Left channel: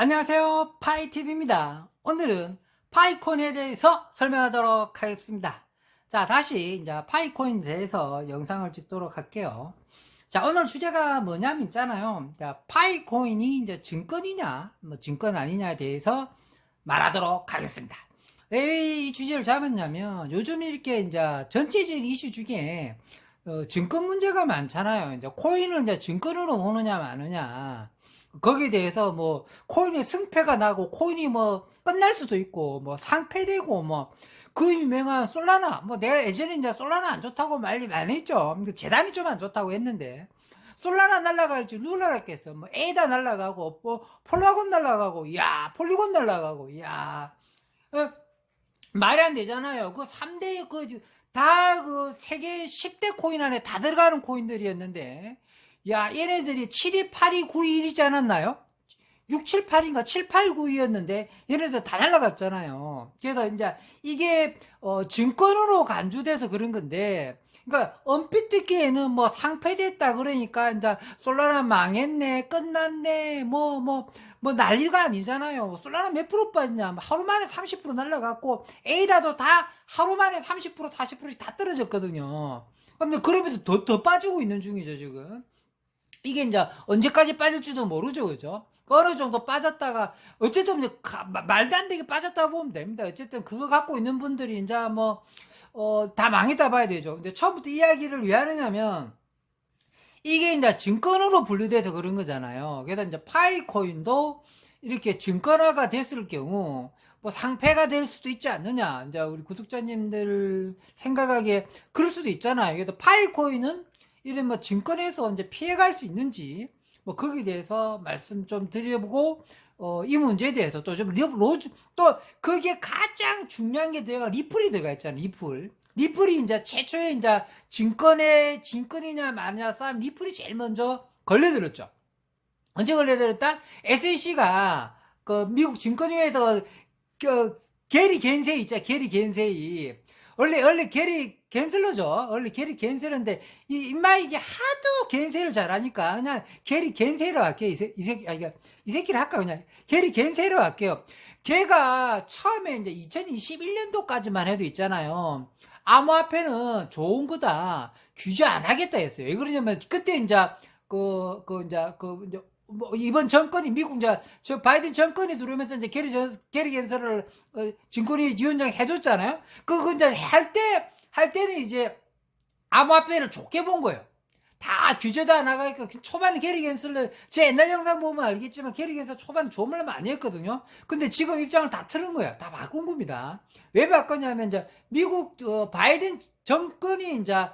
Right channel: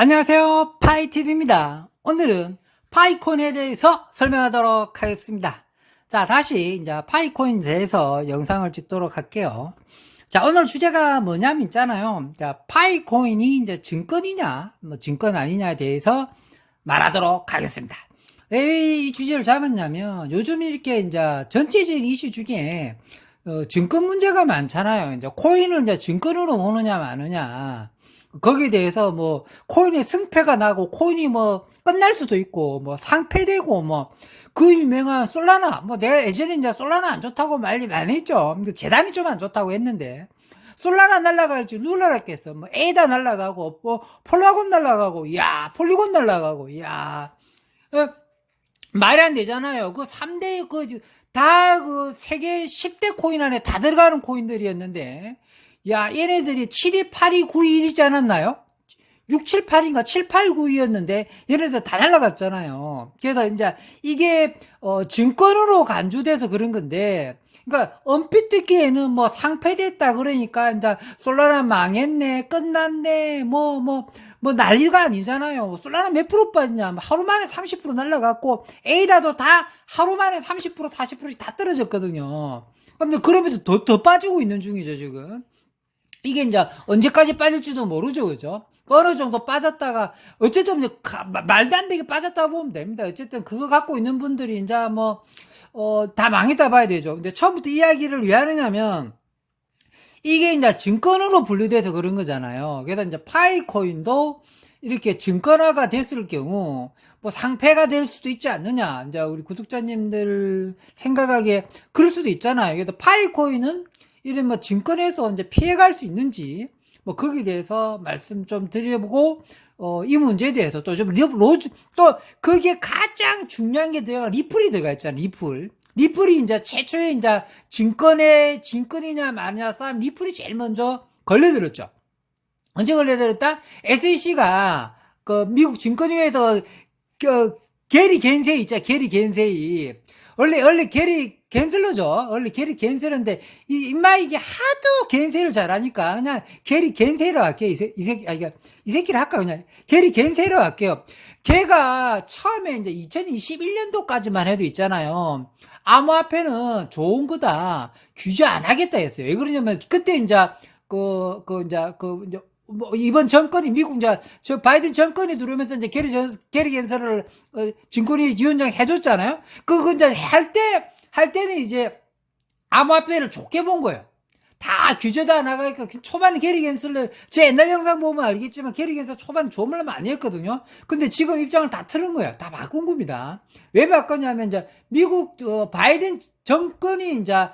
안녕하세요. 파이팁입니다. 오늘은 파이콘에 대해서 설명하도록 하겠습니다. 자, 다시 이제 파이콘에 대해서 영상을 찍도록 할게요. 자, 오늘 주제가 뭐냐면 있잖아요. 자, 파이코인이 이제 증권이냐, 뭐 증권 아니냐에 대해서 말하도록 하겠습니다. 왜 이 주제를 잡았냐면 요즘 이렇게 이제 전체적인 이슈 중에 증권 문제가 많잖아요. 이제 코인을 이제 증권으로 보느냐 마느냐. 거기에 대해서 뭐 코인의 승패가 나고 코인이 뭐 끝날 수도 있고 뭐 상패되고 뭐 그 유명한 솔라나 뭐 내가 예전에 이제 솔라나 안 좋다고 말이 많이 했죠. 근데 재단이 좀 안 좋다고 했는데 솔라나 날라갈지 누가 알았겠어. 뭐 에이다 날라가고 뭐 폴라곤 날라가고 야 폴리곤 날라가고 야 말이 안 되잖아요. 그 3대 다 그 세계 10대 코인 안에 다 들어가는 코인들이었는데 야, 얘네들이 7위, 8위, 9위 있지 않았나요? 6, 7, 8인가 7, 8, 9위였는데 얘네들 다 날라갔잖아요. 그래서 이제 이게 증권으로 간주돼서 그런 건데 그러니까 얼핏 듣기에는 뭐 상폐됐다 그러니까 이제 솔라나 망했네, 끝났네, 뭐 난리가 아니잖아요. 솔라나 몇 프로 빠졌냐? 하루 만에 30% 날라갔고 에이다도 다 하루 만에 30%, 40%씩 다 떨어졌거든요. 그럼 그러면서 더 빠지고 있는 중이죠, 지금. 이게 이제 언제까지 빠질지도 모르죠, 그죠? 어느 정도 빠졌다가, 어쨌든 이제 말도 안 되게 빠졌다 보면 됩니다. 어쨌든 그거 갖고 있는 분들이 이제 뭐, 다 망했다 봐야 되죠. 근데 처음부터 이야기를 왜 하느냐면, 이게 이제 증권으로 분류돼서 그런 거잖아요. 그래서 이제 파이코인도 이렇게 증권화가 됐을 경우, 뭐 상패가 될 수도 있지 않느냐. 이제 우리 구독자님들 생각하기에 그럴 수도 있잖아요. 그래서 파이코인은 이런 뭐 증권에서 이제 피해갈 수 있는지, 뭐 거기에 대해서 말씀 좀 드려보고, 이 문제에 대해서 또 좀, 또 거기에 가장 중요한 게 들어가, 리플이 들어가 있잖아요. 리플이 이제 최초에 이제 증권이냐 마냐 싸움 리플이 제일 먼저 걸려들었죠. 언제 걸려들었다? SEC가 그 미국 증권위에서 게리 겐세이 있죠. 게리 겐세이. 원래 게리 겐슬러죠. 원래 게리 겐슬러인데 인마 이게 하도 겐세이를 잘하니까 그냥 게리 겐세이로 할게요. 이 새끼를 할까 그냥 게리 겐세이로 할게요. 걔가 처음에 이제 2021년도까지만 해도 있잖아요. 암호화폐는 좋은 거다. 규제 안 하겠다 했어요. 왜 그러냐면 그때 이제 뭐 이번 정권이 미국 이제 저 바이든 정권이 들어오면서 이제 게리 겐서를 증권위 위원장 해줬잖아요. 그거 이제 할 때는 이제 암호화폐를 좋게 본 거예요. 다 규제도 안 나가니까 초반에 게리 겐슬러 제 옛날 영상 보면 알겠지만 게리 겐슬러 초반 좋은 말로 많이 했거든요. 근데 지금 입장을 다 틀은 거예요. 다 바꾼 겁니다. 왜 바꿨냐면 이제 미국 바이든 정권이 이제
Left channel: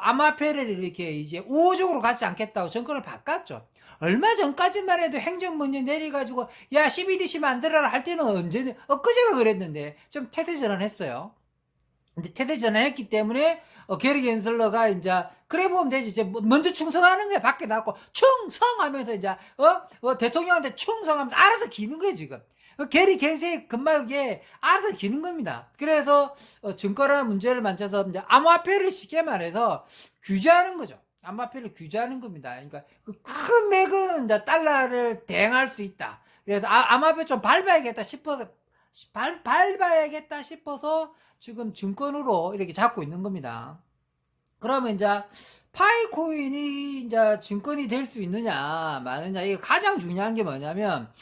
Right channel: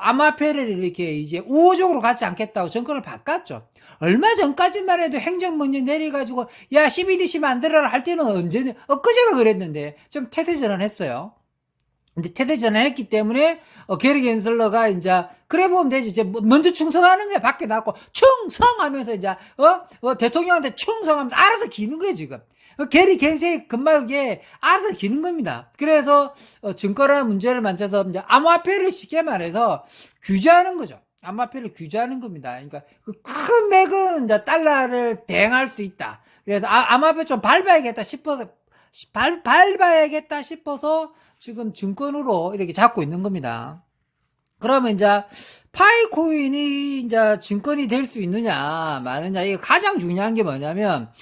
암호화폐를 이렇게 이제 우호적으로 갖지 않겠다고 정권을 바꿨죠. 얼마 전까지만 해도 행정명령 내려가지고 야 CBDC 만들어라 할 때는 언제 엊그제가 그랬는데 좀 태세 전환했어요. 근데 태세 전환했기 때문에 게리 겐슬러가 이제 그래 보면 되지. 이제 먼저 충성하는 거야. 밖에 나왔고 충성하면서 이제 대통령한테 충성하면서 알아서 기는 거야 지금. 게리 겐슬이 금방 이게 알아서 기는 겁니다. 그래서 증권화 문제를 만져서 이제 암호화폐를 쉽게 말해서 규제하는 거죠. 암호화폐를 규제하는 겁니다. 그러니까 그 큰 맥은 이제 달러를 대행할 수 있다. 그래서 암호화폐 좀 밟아야겠다 싶어서 밟아야겠다 싶어서 지금 증권으로 이렇게 잡고 있는 겁니다. 그러면 이제 파이코인이 이제 증권이 될 수 있느냐 마느냐 이게 가장 중요한 게 뭐냐면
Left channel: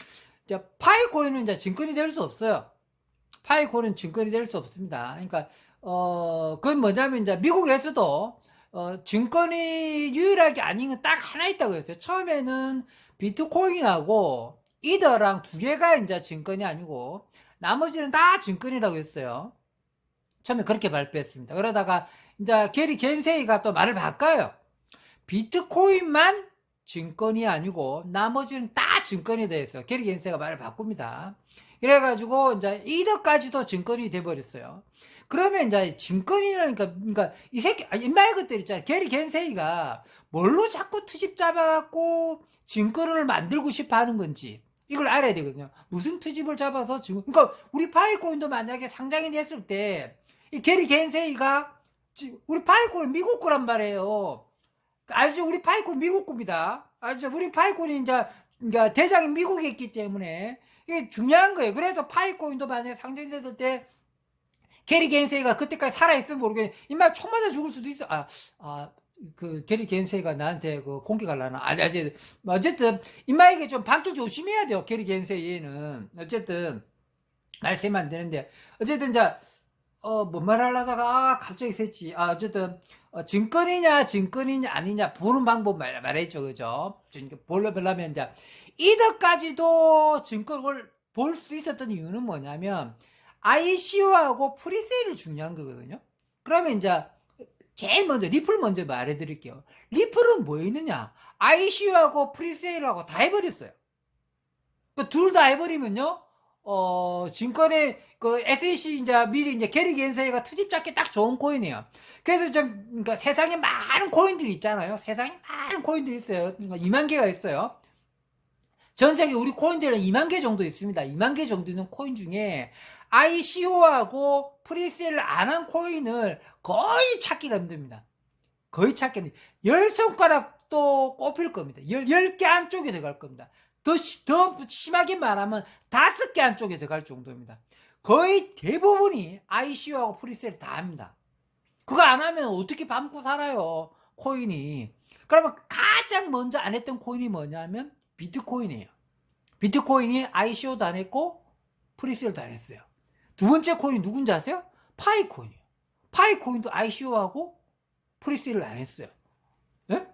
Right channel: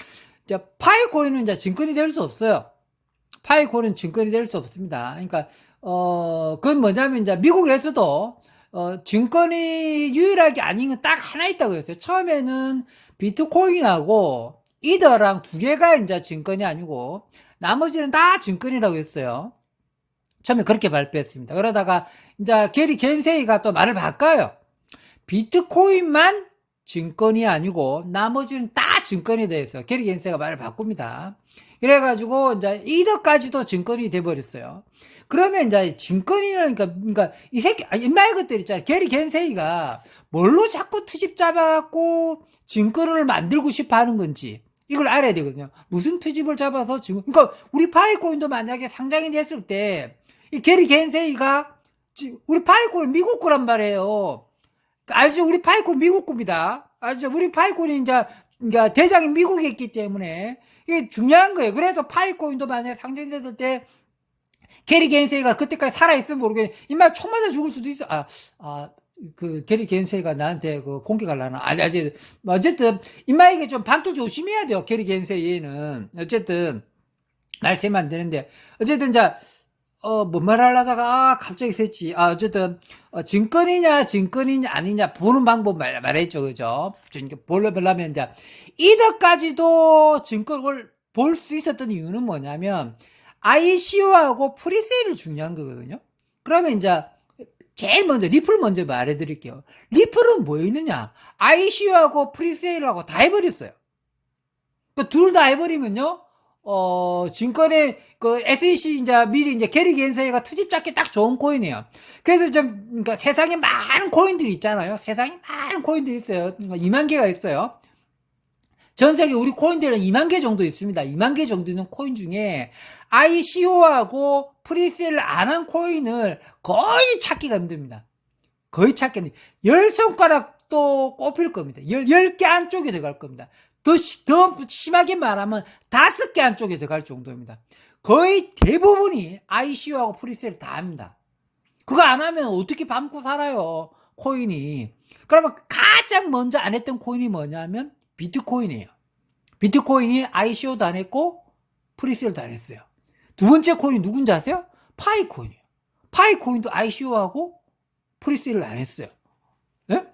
이제 파이코인은 이제 증권이 될 수 없어요. 파이코인은 증권이 될 수 없습니다. 그러니까 그건 뭐냐면 이제 미국에서도 증권이 유일하게 아닌 건 딱 하나 있다고 했어요. 처음에는 비트코인하고 이더랑 두 개가 이제 증권이 아니고 나머지는 다 증권이라고 했어요. 처음에 그렇게 발표했습니다. 그러다가 이제 게리 겐세이가 또 말을 바꿔요. 비트코인만 증권이 아니고 나머지는 다 증권이 되어있어요. 게리 겐세이가 말을 바꿉니다. 그래가지고 이제 이더까지도 증권이 돼버렸어요. 그러면 이제 증권이라니까 그러니까 이 새끼 옛날 것들 있잖아요. 게리 겐세이가 뭘로 자꾸 트집 잡아갖고 증권을 만들고 싶어 하는 건지 이걸 알아야 되거든요. 무슨 트집을 잡아서 지금 그러니까 우리 파이코인도 만약에 상장이 됐을 때 이 게리 겐세이가 우리 파이코인 미국 거란 말이에요. 알죠? 우리 파이코인 미국 겁니다. 알죠? 우리 파이코인이 이제 그러니까 대장이 미국에 있기 때문에 이게 중요한 거예요. 그래도 파이코인도 만약에 상장됐을 때 게리 겐세이가 그때까지 살아있으면 모르겠네. 임마 총 맞아 죽을 수도 있어. 그 게리 겐세이가 나한테 그 공개 갈라나. 어쨌든 임마 이게 좀 방출 조심해야 돼요. 게리 겐세이는 어쨌든 말씀이 안 되는데 어쨌든 자 뭔 말하려다가 갑자기 샜지. 어쨌든 증권이냐 아니냐 보는 방법 말했죠, 그죠? 보려면 이제 이덕까지도 증권을 볼 수 있었던 이유는 뭐냐면 ICO하고 프리세일이 중요한 거거든요. 그러면 이제 제일 먼저 리플 먼저 말해드릴게요. 리플은 뭐 있느냐? ICO하고 프리세일하고 다 해버렸어요. 둘 다 해버리면요. 증권의 그 SEC 이제 미리 이제 게리 겐세이가 트집 잡기 딱 좋은 코인이에요. 그래서 좀 그러니까 세상에 많은 코인들이 있잖아요. 세상에 많은 코인들이 있어요. 2만 개가 있어요. 전 세계 우리 코인들은 2만 개 정도 있습니다. 2만 개 정도 있는 코인 중에 ICO하고 프리세일 안 한 코인을 거의 찾기가 힘듭니다. 거의 찾기 힘듭니다. 10손가락도 꼽힐 겁니다. 10개 안쪽에 들어갈 겁니다. 더 심하게 말하면 5개 안쪽에 들어갈 정도입니다. 거의 대부분이 ICO하고 프리세일 다 합니다. 그거 안 하면 어떻게 밤고 살아요, 코인이. 그러면 가장 먼저 안 했던 코인이 뭐냐면 비트코인이에요. 비트코인이 ICO도 안 했고 프리세일도 안 했어요. 두 번째 코인이 누군지 아세요? 파이코인이에요. 파이코인도 ICO하고 프리세일을 안 했어요. 네?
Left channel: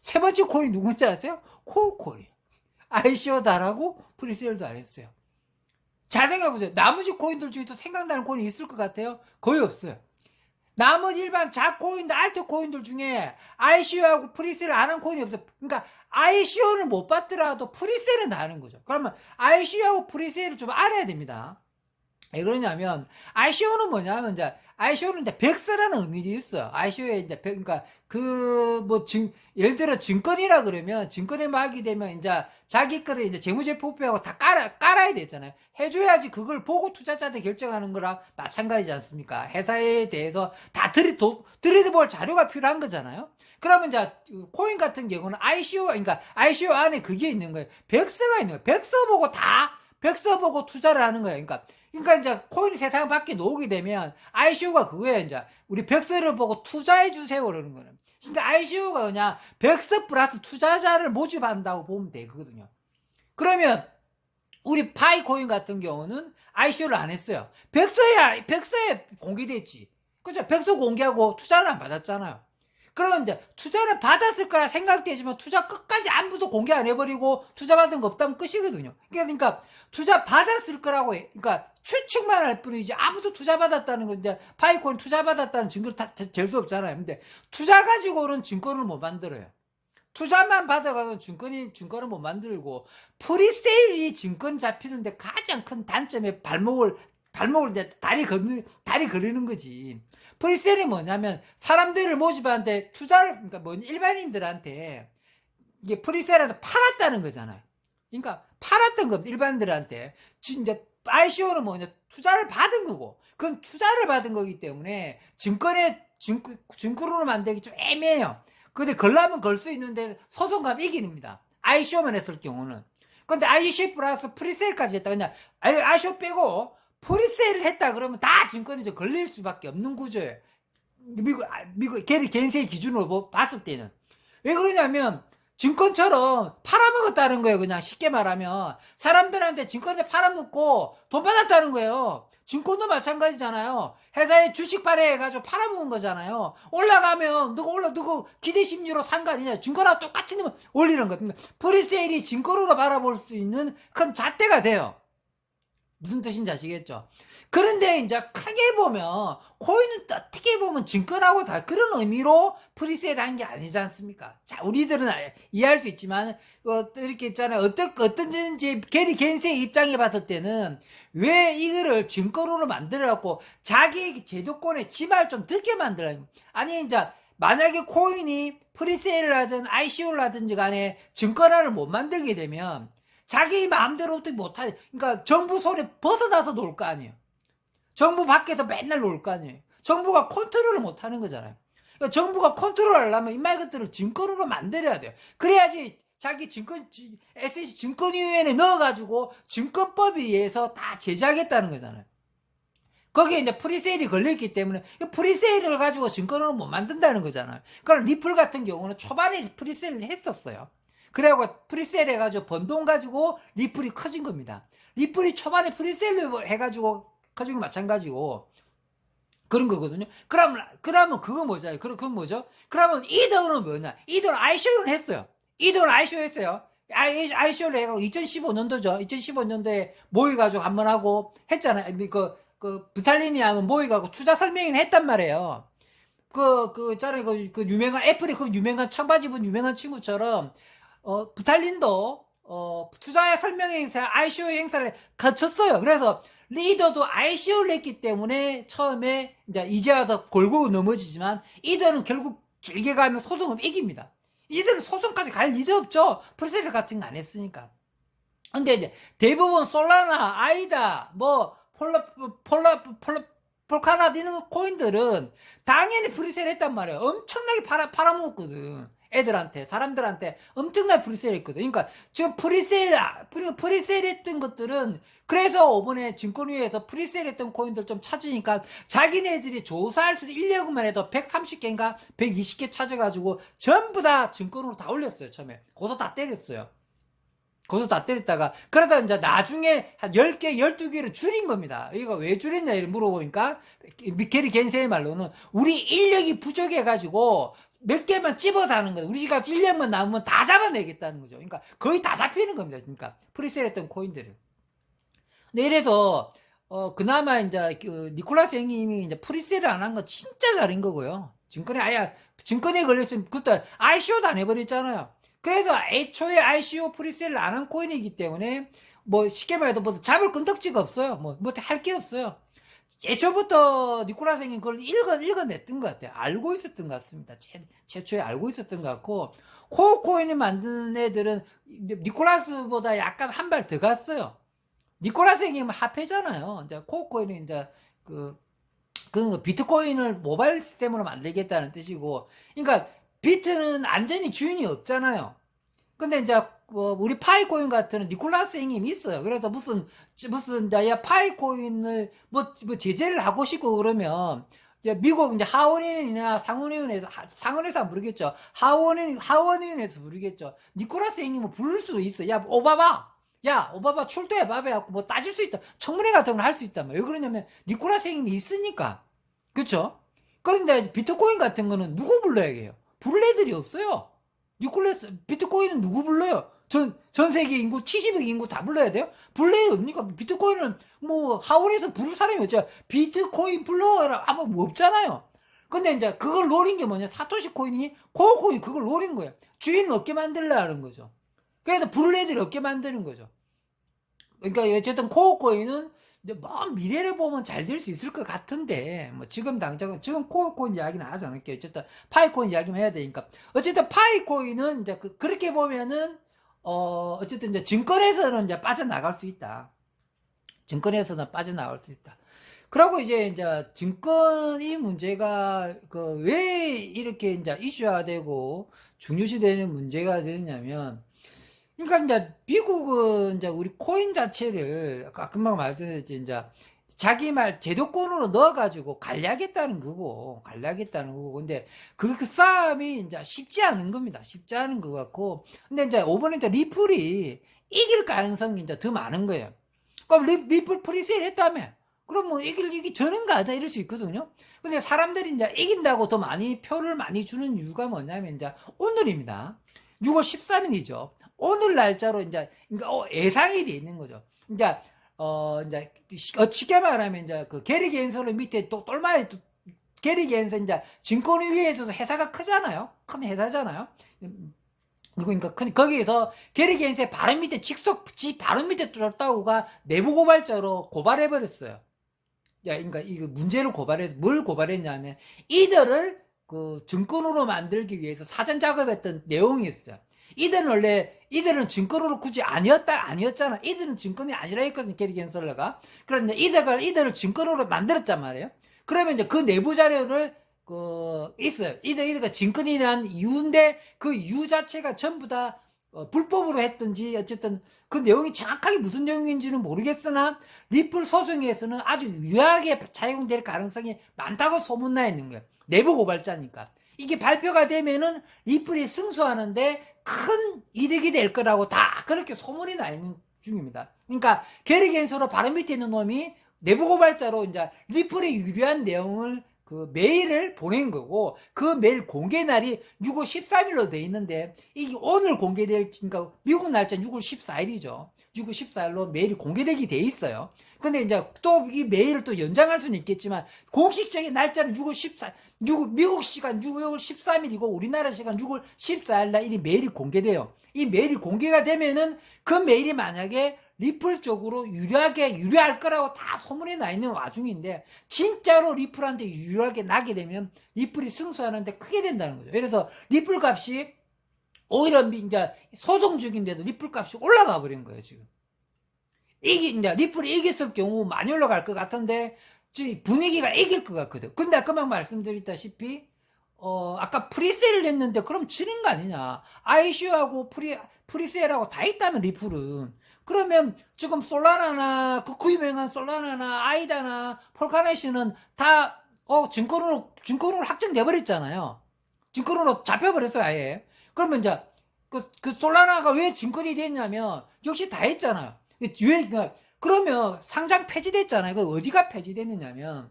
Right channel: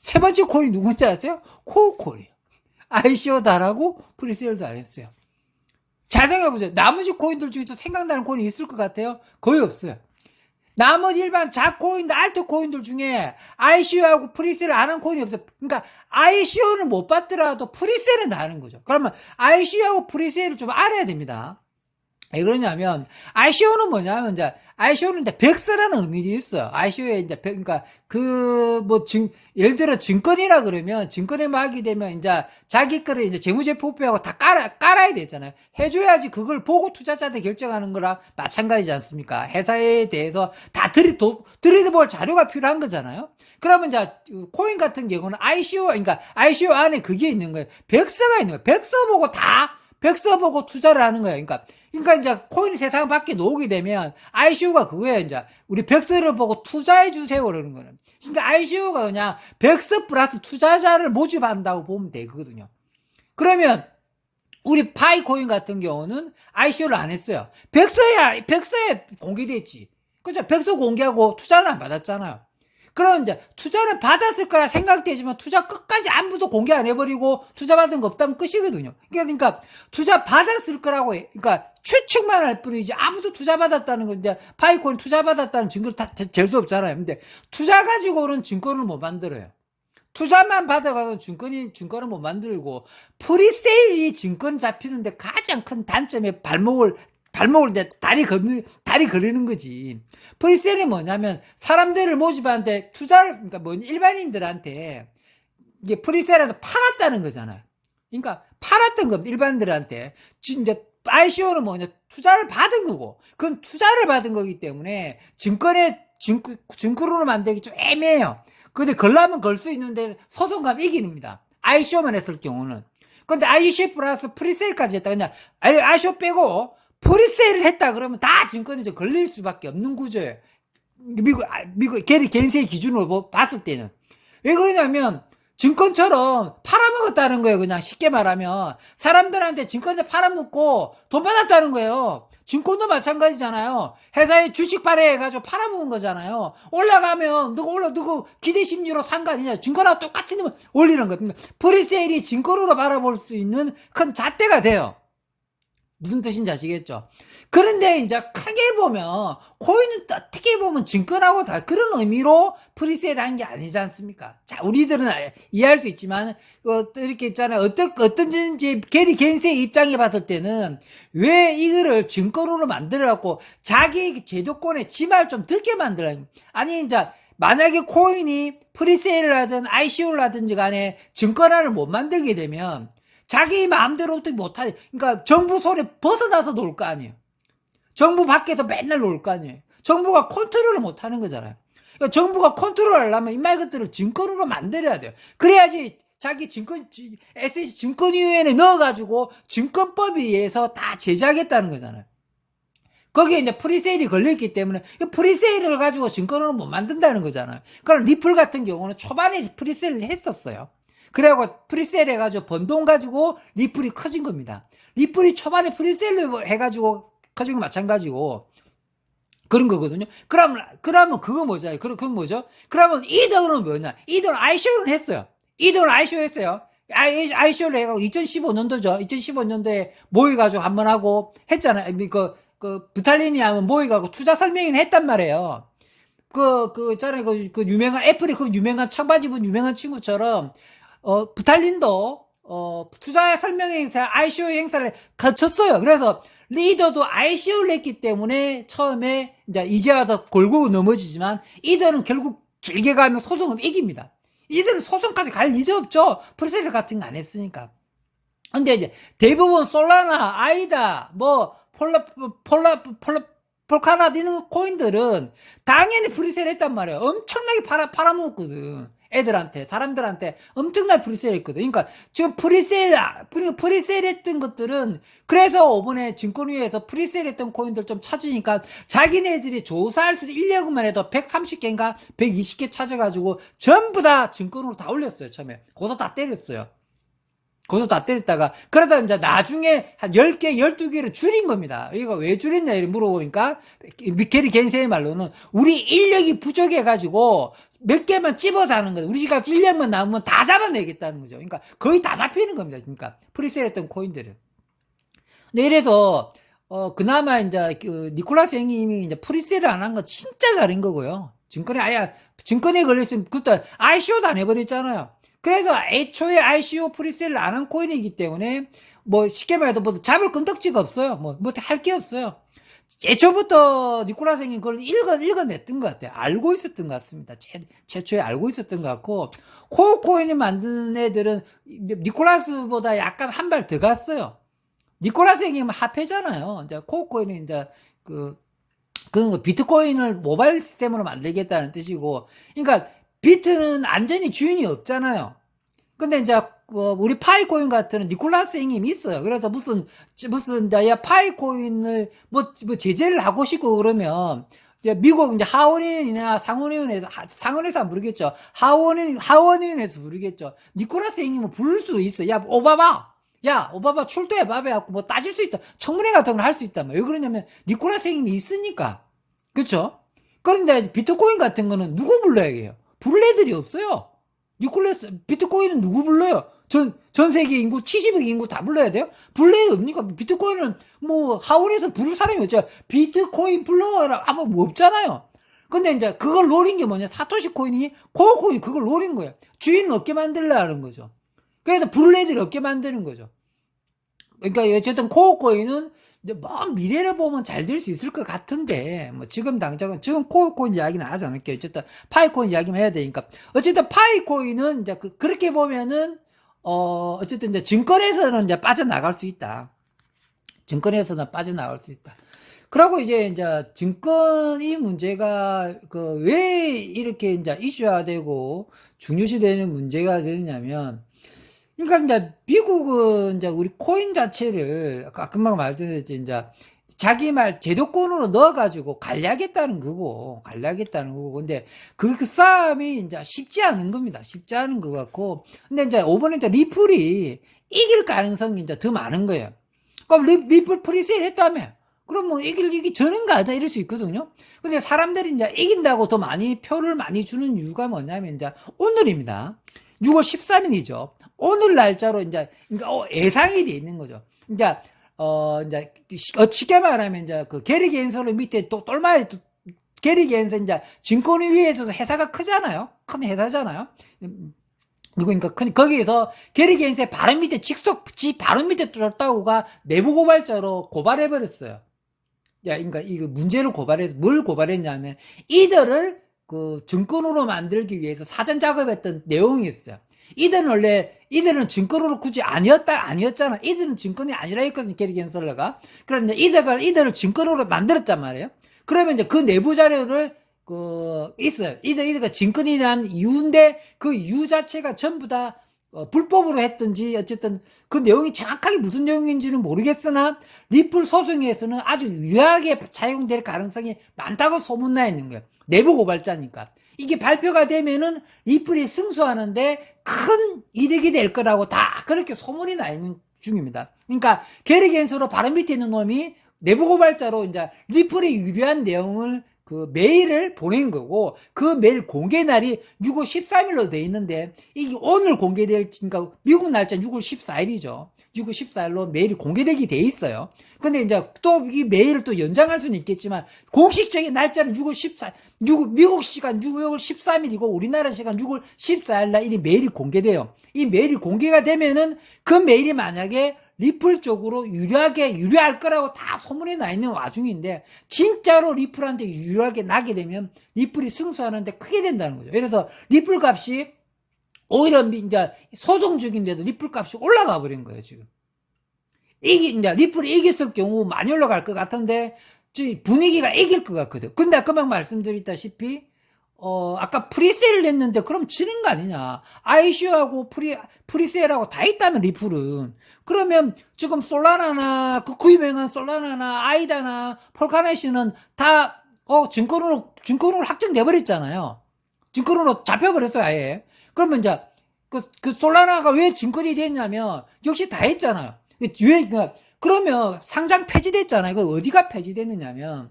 세 번째 코인 누군지 아세요? 코어코인이에요. ICO도 안 하고 프리세일도 안 했어요. 잘 생각해보세요. 나머지 코인들 중에서 생각나는 코인이 있을 것 같아요? 거의 없어요. 나머지 일반 자코인들, 알트코인들 중에 ICO하고 프리세일 안 한 코인이 없어요. 그러니까 ICO는 못 받더라도 프리세일은 다 하는 거죠. 그러면 ICO하고 프리세일을 좀 알아야 됩니다. 왜 그러냐면 ICO는 뭐냐면 이제 ICO는 이제 백서라는 의미도 있어요. ICO에 이제 그러니까 예를 들어 증권이라 그러면 증권에 막이 되면 이제 자기 거를 이제 재무제표표하고 다 깔아야 되잖아요. 해줘야지 그걸 보고 투자자들 결정하는 거랑 마찬가지지 않습니까? 회사에 대해서 다 들여다볼 자료가 필요한 거잖아요. 그러면 이제 코인 같은 경우는 그러니까 ICO 안에 그게 있는 거예요. 백서가 있는 거예요. 백서 보고 투자를 하는 거예요. 그러니까 이제 코인 세상 밖에 나오게 되면 ICO가 그거예요. 이제 우리 백서를 보고 투자해 주세요 그러는 거는. 그러니까 ICO가 그냥 백서 플러스 투자자를 모집한다고 보면 되거든요. 그러면 우리 파이코인 같은 경우는 ICO를 안 했어요. 백서에 공개됐지. 그죠? 백서 공개하고 투자는 안 받았잖아요. 그럼 이제 투자를 받았을 거라 생각되지만 투자 끝까지 아무도 공개 안 해버리고 투자 받은 거 없다면 끝이거든요. 그러니까 투자 받았을 거라고 그러니까 추측만 할 뿐이지 아무도 투자 받았다는 건데 파이코인 투자 받았다는 증거를 잴 수 없잖아요. 근데 투자 가지고는 증권을 못 만들어요. 투자만 받아가서 증권을 못 만들고 프리세일이 증권 잡히는데 가장 큰 단점의 발목을 다리 걸리는 거지. 프리세일이 뭐냐면 사람들을 모집하는데 그러니까 일반인들한테 이게 프리세일한테 팔았다는 거잖아요. 그러니까 팔았던 겁니다. 일반인들한테. 이제 ICO는 뭐냐 투자를 받은 거고 그건 투자를 받은 거기 때문에 증권으로 만들기 좀 애매해요. 근데 걸라면 걸 수 있는데 소송 가면 이깁니다. ICO만 했을 경우는. 근데 ICO 플러스 프리세일까지 했다. 그냥 ICO 빼고 프리세일을 했다 그러면 다 증권이 좀 걸릴 수밖에 없는 구조예요. 미국 게리 겐세이 기준으로 봤을 때는. 왜 그러냐면 증권처럼 팔아먹었다는 거예요. 그냥 쉽게 말하면 사람들한테 증권을 팔아먹고 돈 받았다는 거예요. 증권도 마찬가지잖아요. 회사에 주식 발행해가지고 팔아먹은 거잖아요. 올라가면 누구 기대 심리로 산 거 아니냐. 증권하고 똑같이 올리는 거. 프리세일이 증권으로 바라볼 수 있는 큰 잣대가 돼요. 무슨 뜻인지 아시겠죠? 그런데 이제 크게 보면 코인은 어떻게 보면 증권하고 다 그런 의미로 프리세일 하는 게 아니지 않습니까? 자, 우리들은 이해할 수 있지만 이렇게 있잖아요. 어떤지 게리 겐세의 입장에 봤을 때는 왜 이거를 증권으로 만들어갖고 자기 제도권에 지말 좀 듣게 만들어요. 아니 이제 만약에 코인이 프리세일을 하든 ICO를 하든지 간에 증권화를 못 만들게 되면 자기 마음대로 어떻게 못하지. 그러니까 정부 손에 벗어나서 놀 거 아니에요. 정부 밖에서 맨날 놀 거 아니에요. 정부가 컨트롤을 못하는 거잖아요. 그러니까 정부가 컨트롤 하려면 이말 것들을 증권으로 만들어야 돼요. 그래야지 자기 SC 증권위원회에 넣어가지고 증권법에 의해서 다 제작했다는 거잖아요. 거기에 이제 프리세일이 걸려있기 때문에 프리세일을 가지고 증권으로 못 만든다는 거잖아요. 그럼 리플 같은 경우는 초반에 프리세일을 했었어요. 그래갖고 프리세일 해가지고 번 돈 가지고 리플이 커진 겁니다. 리플이 초반에 프리세일을 해가지고 커진 거 마찬가지고 그런 거거든요. 그러면 그거 뭐죠? 그건 뭐죠? 그러면 이 돈은 뭐냐? 이 돈 ICO는 했어요. 이 돈 ICO 했어요. ICO를 해가지고 2015년도죠. 2015년도에 모여가지고 한번 하고 했잖아요. 부탈린이 하면 모여가지고 투자 설명회를 했단 말이에요. 있잖아요. 유명한, 애플의 그 유명한 청바지 입은 유명한 친구처럼, 부탈린도, 투자 설명회 행사, ICO 행사를 거쳤어요. 그래서 리더도 ICO를 했기 때문에 처음에 이제 와서 골고 넘어지지만 이들은 결국 길게 가면 소송을 이깁니다. 이들은 소송까지 갈 리도 없죠. 프리세일 같은 거 안 했으니까. 근데 이제 대부분 솔라나, 아이다, 폴카나 이런 코인들은 당연히 프리세일 했단 말이에요. 엄청나게 팔아먹었거든. 애들한테, 사람들한테 엄청나게 프리세일 했거든. 그러니까 지금 프리세일 했던 것들은 그래서 이번에 증권위에서 프리세일 했던 코인들 좀 찾으니까 자기네들이 조사할 수 있려고만 해도 130개인가 120개 찾아가지고 전부 다 증권으로 다 올렸어요. 처음에. 고소 다 때렸어요. 고소 다 때렸다가 그러다 이제 나중에 한 10개, 12개를 줄인 겁니다. 이거 왜 줄였냐 이렇게 물어보니까 미케리 겐세의 말로는 우리 인력이 부족해가지고 몇 개만 찝어서 하는 거예요. 우리가 1년만 남으면 다 잡아내겠다는 거죠. 그러니까 거의 다 잡히는 겁니다. 그러니까 프리세일 했던 코인들은. 근데 이래서 그나마 이제 니콜라스 형님이 이제 프리세일을 안 한 거 진짜 잘한 거고요. 증권에 걸렸으면 그때 ICO도 안 해버렸잖아요. 그래서 애초에 ICO 프리세일을 안 한 코인이기 때문에 쉽게 말해서 잡을 끈덕지가 없어요. 할 게 없어요. 애초부터 니콜라스 형님 그걸 읽어냈던 것 같아요. 알고 있었던 것 같습니다. 최초에 알고 있었던 것 같고 코어 코인을 만드는 애들은 니콜라스보다 약간 한 발 더 갔어요. 니콜라스 형님은 합해잖아요. 이제 코어 코인은 이제 그 비트코인을 모바일 시스템으로 만들겠다는 뜻이고, 그러니까 비트는 완전히 주인이 없잖아요. 근데 이제 우리 파이코인 같은 니콜라스 형님이 있어요. 그래서 무슨 파이코인을 제재를 하고 싶고 그러면 미국 이제 하원위원이나 상원에서 모르겠죠. 하원위원회에서 모르겠죠. 니콜라스 형님은 부를 수 있어. 야 오바마 출두해 봐봐 갖고 따질 수 있다. 청문회 같은 걸 할 수 있다며. 왜 그러냐면 니콜라스 형님이 있으니까. 그쵸? 그런데 비트코인 같은 거는 누구 불러야 해요? 부를 애들이 없어요. 비트코인은 누구 불러요? 전 세계 인구 70억 인구 다 불러야 돼요? 불러야 없니까? 비트코인은 하원에서 부를 사람이 없죠. 비트코인 불러라 아무 없잖아요. 근데 이제 그걸 노린 게 뭐냐? 사토시 코인이 코어 코인이 그걸 노린 거예요. 주인은 없게 만들려 하는 거죠. 그래서 부를 애들이 없게 만드는 거죠. 그러니까 어쨌든 코어 코인은 이제 미래를 보면 잘 될 수 있을 것 같은데 지금 당장은 지금 코어 코인 이야기는 하지 않을게요. 어쨌든 파이코인 이야기만 해야 되니까 어쨌든 파이코인은 이제 그렇게 보면은 어쨌든 이제 증권에서는 이제 빠져나갈 수 있다. 증권에서는 빠져나갈 수 있다. 그리고 이제 증권이 문제가 왜 이렇게 이제 이슈화되고 중요시되는 문제가 되느냐면, 그러니까 이제 미국은 이제 우리 코인 자체를 아까 금방 말씀드렸지 이제 자기 말 제도권으로 넣어가지고 관리하겠다는 거고. 근데 그 싸움이 이제 쉽지 않은 겁니다. 쉽지 않은 것 같고. 근데 이제 이번에 이제 리플이 이길 가능성이 이제 더 많은 거예요. 그럼 리플 프리세일 했다며. 그럼 이기 저는가 하자 이럴 수 있거든요. 근데 사람들이 이제 이긴다고 더 많이 표를 많이 주는 이유가 뭐냐면 이제 오늘입니다. 6월 13일이죠. 오늘 날짜로 이제 예상이 돼 있는 거죠. 이제 쉽게 말하면 이제 게리 겐서를 밑에 또 똘마리 게리 겐서 이제 증권위에서 회사가 크잖아요. 큰 회사잖아요. 그러니까 거기에서 게리 겐서의 바로 밑에 바로 밑에 쫓다고가 내부 고발자로 고발해버렸어요. 그러니까 이거 문제를 고발해서 뭘 고발했냐면 이들을 증권으로 만들기 위해서 사전 작업했던 내용이 있어요. 이들은 증권으로 굳이 아니었잖아. 이들은 증권이 아니라 했거든, 게리 겐슬러가. 그런데 이들을 증권으로 만들었단 말이에요. 그러면 이제 그 내부 자료를, 있어요. 이들가 증권이란 이유인데, 그 이유 자체가 전부 다, 불법으로 했든지 어쨌든 그 내용이 정확하게 무슨 내용인지는 모르겠으나 리플 소송에서는 아주 유리하게 작용될 가능성이 많다고 소문나 있는 거예요. 내부 고발자니까. 이게 발표가 되면은 리플이 승소하는데 큰 이득이 될 거라고 다 그렇게 소문이 나 있는 중입니다. 그러니까 게리 겐서로 바로 밑에 있는 놈이 내부 고발자로 이제 리플에 유리한 내용을 그 메일을 보낸 거고, 그 메일 공개 날이 6월 13일로 돼 있는데, 이게 오늘 공개될, 그러니까 미국 날짜 6월 14일이죠. 6월 14일로 메일이 공개되게 돼 있어요. 근데 이제 또 이 메일을 또 연장할 수는 있겠지만, 공식적인 날짜는 6월 14일, 미국 시간 6월 13일이고, 우리나라 시간 6월 14일 날 이 메일이 공개돼요. 이 메일이 공개가 되면은, 그 메일이 만약에 리플 쪽으로 유리할 거라고 다 소문이 나 있는 와중인데, 진짜로 리플한테 유리하게 나게 되면 리플이 승소하는데 크게 된다는 거죠. 그래서 리플 값이 오히려 이제 소송 중인데도 리플 값이 올라가 버린 거예요, 지금. 이제 리플이 이겼을 경우 많이 올라갈 것 같은데, 분위기가 이길 것 같거든. 근데 아까 말씀드렸다시피, 아까 프리세일을 냈는데 그럼 지는 거 아니냐. ICO하고 프리세일하고 다 있다면 리플은. 그러면 지금 솔라나나, 그 유명한 솔라나나, 아이다나, 폴카네시는 다, 증권으로 확정돼버렸잖아요. 증권으로 잡혀버렸어요, 아예. 그러면 이제, 그 솔라나가 왜 증권이 됐냐면, 역시 다 했잖아요. 그러면 상장 폐지됐잖아요. 이거 어디가 폐지됐느냐면,